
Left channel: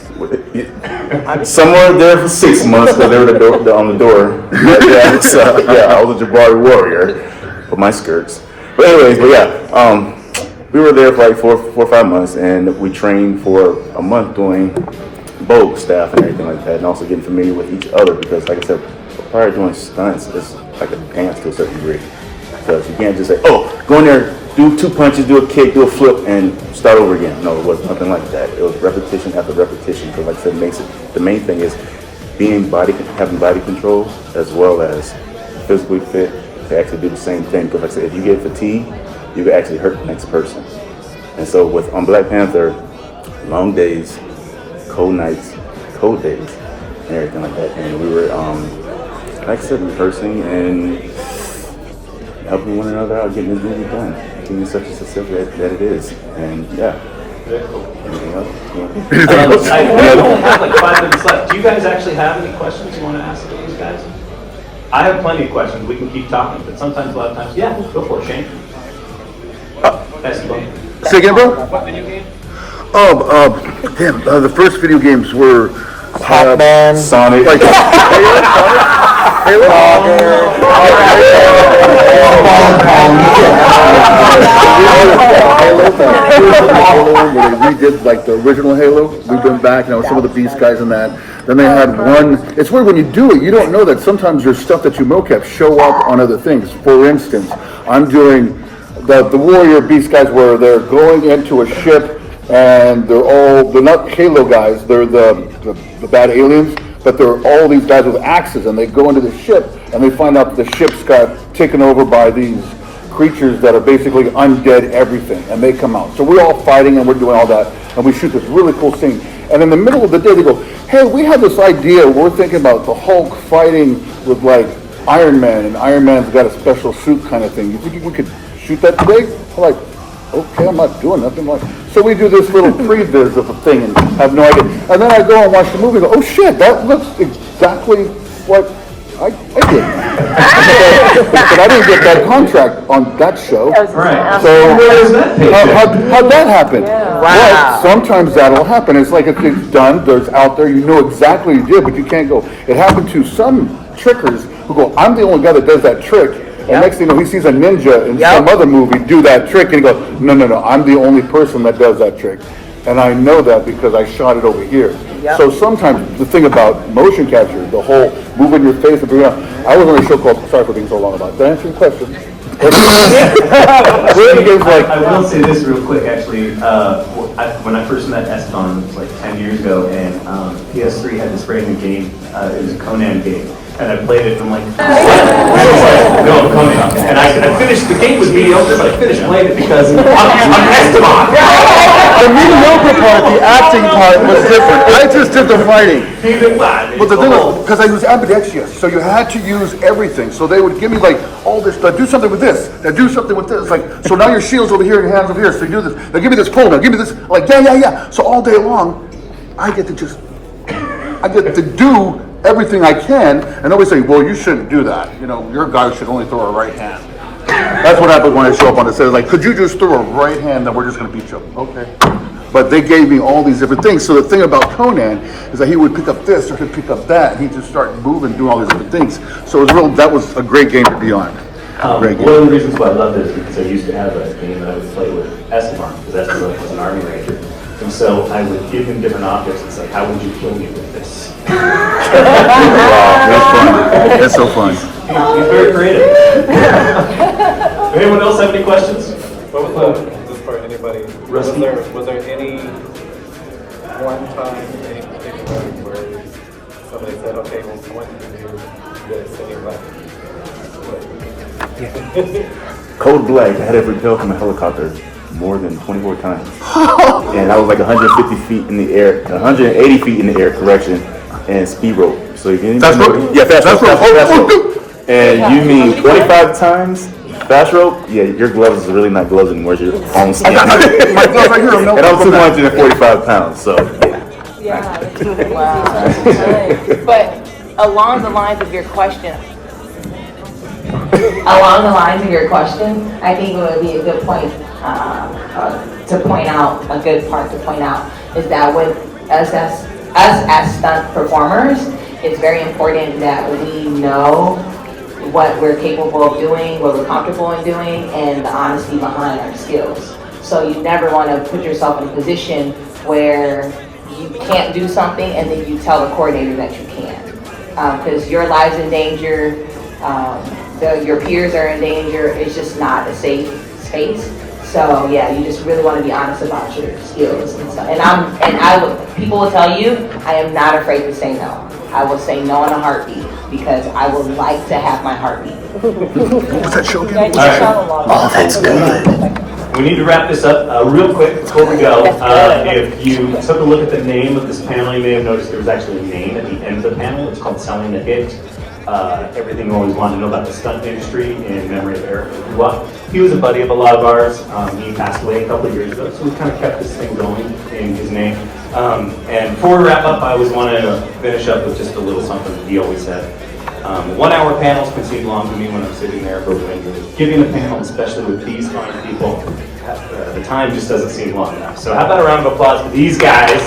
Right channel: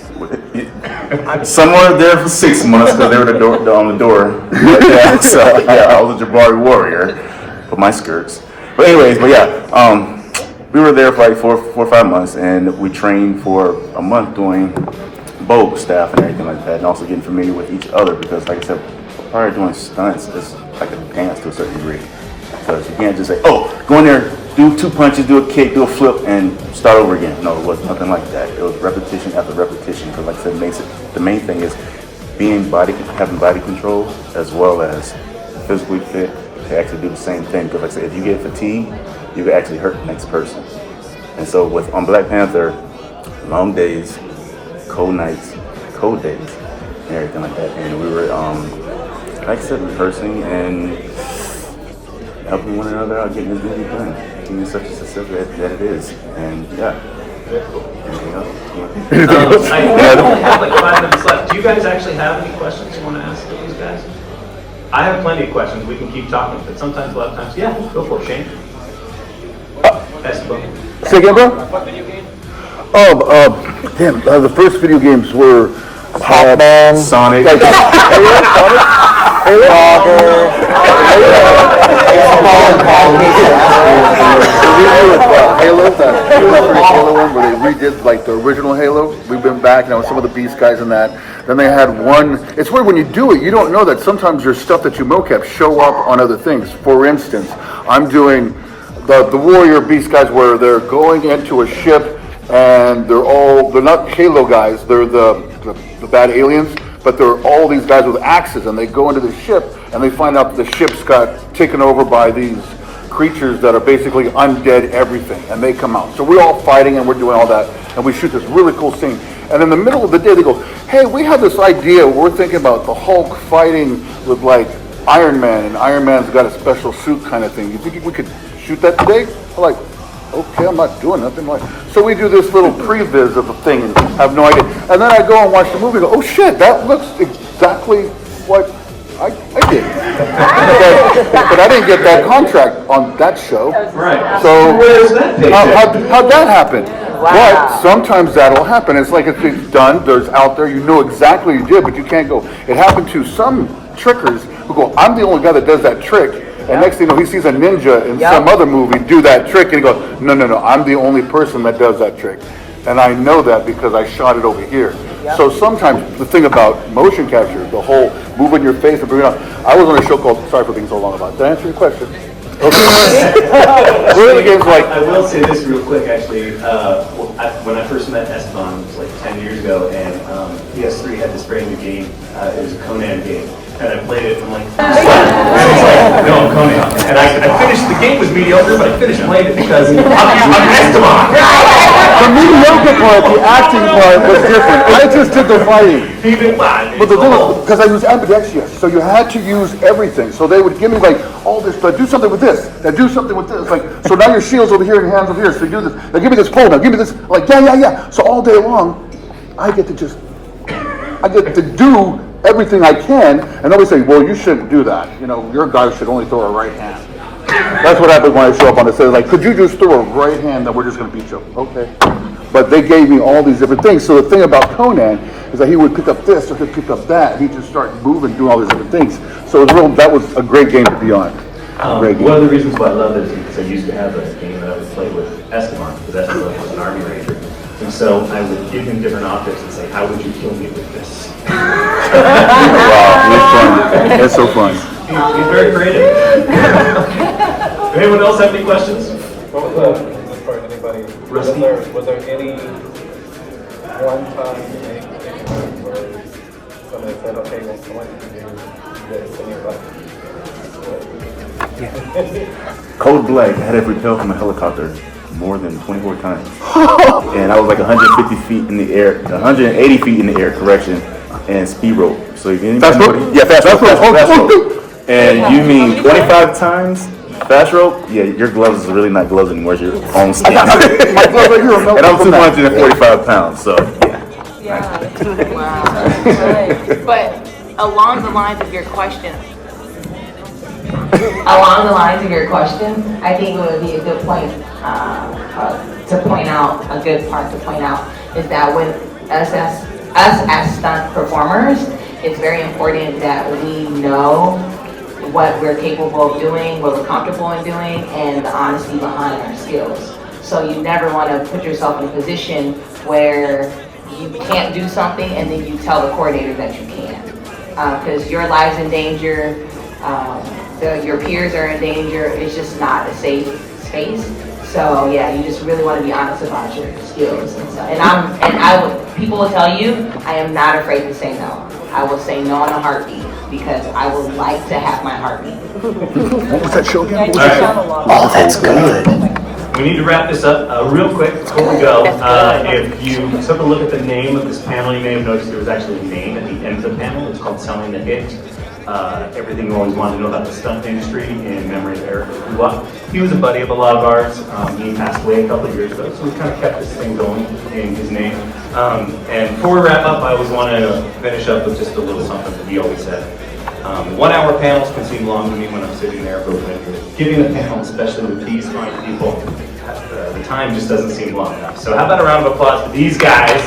Some were there for 6 months because they were on the door. But yeah, so yeah, I was a Jabari warrior with my skirts. But anyways, we were there for like 4 or 5 months, and we trained for a month doing Vogue staff and everything like that, and also getting familiar with each other because, like I said, prior to doing stunts, it's like a dance to a certain degree. Because you can't just say, oh, go in there, do 2 punches, do a kick, do a flip, and start over again. No, it was nothing like that. It was repetition after repetition. Because, like I said, the main thing is having body control as well as physically fit to actually do the same thing. Because, like I said, if you get fatigued, you can actually hurt the next person. And so, on Black Panther, long days, cold nights, cold days, and everything like that. And we were, like I said, rehearsing and helping one another out, getting the duty done, being such a success that it is. And yeah. Anything else? I have like 5 minutes left. Do you guys actually have any questions you want to ask these guys? I have plenty of questions. We can keep talking, but sometimes, a lot of times, yeah, go for it, Shane. Esteban. Say again, bro? The first video games were Sonic. Halo, that first Halo one where they redid like the original Halo. We've been back, some of the Beast guys in that. Then they had one. It's weird when you do it, you don't know that sometimes there's stuff that you mocap show up on other things. For instance, I'm doing the Warrior Beast guys where they're going into a ship and they're not Halo guys, they're the bad aliens, but they're all these guys with axes, and they go into the ship and they find out the ship's got taken over by these creatures that are basically undead everything, and they come out. So we're all fighting and we're doing all that, and we shoot this really cool scene. And in the middle of the day they go, hey, we have this idea, we're thinking about the Hulk fighting with like Iron Man, and Iron Man's got a special suit kind of thing. You think we could shoot that today? I'm like, okay, I'm not doing nothing. So we do this little previs of a thing and have no idea. And then I go and watch the movie and go, oh shit, that looks exactly what I did. but I didn't get that contract on that show. Right. So how'd that happen? But sometimes that'll happen. It's like if it's done, there's out there, you know exactly what you did, but you can't go. It happened to some trickers who go, I'm the only guy that does that trick. And next thing you know, he sees a ninja in some other movie do that trick, and he goes, no, I'm the only person that does that trick. And I know that because I shot it over here. So sometimes the thing about motion capture, the whole moving your face, I was on a show called, sorry for being so long about it. Did I answer your question? I will say this real quick, actually. When I first met Esteban, like 10 years ago, and PS3 had this brand new game. It was a Conan game. And I played it, and I'm like, no, Conan. And I finished, the game was mediocre, but I finished playing it because I'm Esteban. The mediocre part, the acting part was different. I just did the fighting. But the thing was, because I was ambidextrous, so you had to use everything. So they would give me like all this, do something with this, now do something with this. Like, so now your shield's over here and your hand's over here, so you do this. Now give me this pole, now give me this. Like, yeah. So all day long, I get to do everything I can, and nobody say, well, you shouldn't do that. Your guy should only throw a right hand. That's what happens when I show up on the set. Like, could you just throw a right hand and we're just going to beat you up? Okay. But they gave me all these different things. So the thing about Conan is that he would pick up this or he'd pick up that. He'd just start moving, doing all these different things. So that was a great game to be on. One of the reasons why I love this is because I used to have a game that I would play with Esteban, because Esteban was an Army Ranger. And so I would give him different objects and say, how would you kill me with this? Wow, that's fun. That's so fun. He's very creative. Anyone else have any questions? Rusty? Was there any Code Black, I had to repel from a helicopter more than 24 times. And I was like 150 feet in the air, 180 feet in the air, correction, and speed rope. So if you Fast rope? Yeah, fast rope. And you mean 25 times fast rope? Yeah, your gloves are really not gloves anymore. Your own skin. My gloves right here are melting. And I'm 245 pounds, so yeah. Yeah. That's crazy. Wow. Nice. But along the lines of your question, I think it would be a good point to point out, a good part to point out, is that with us as stunt performers, it's very important that we know what we're capable of doing, what we're comfortable in doing, and the honesty behind our skills. So you never want to put yourself in a position where you can't do something and then you tell the coordinator that you can't. Because your life's in danger, your peers are in danger, it's just not a safe space. So yeah, you just really want to be honest about your skills and stuff. And people will tell you, I am not afraid to say no. I will say no in a heartbeat because I would like to have my heartbeat. What was that show Yeah, again? you sound a lot of We need to wrap this up real quick before we go. That's If you took a look at the name of this panel, you may have noticed there was actually a name at the end of the panel. It's called Selling the Hit. Everything we always wanted to know about the stunt industry in memory of Eric Cajiuat. He was a buddy of a lot of ours. He passed away a couple of years ago, so we kind of kept this thing going in his name. And before we wrap up, I always want to finish up with just a little something that we always said. 1 hour panels can seem long to me when I'm sitting there, but when giving a panel, especially with these fine people, the time just doesn't seem long enough. So how about a round of applause for these guys?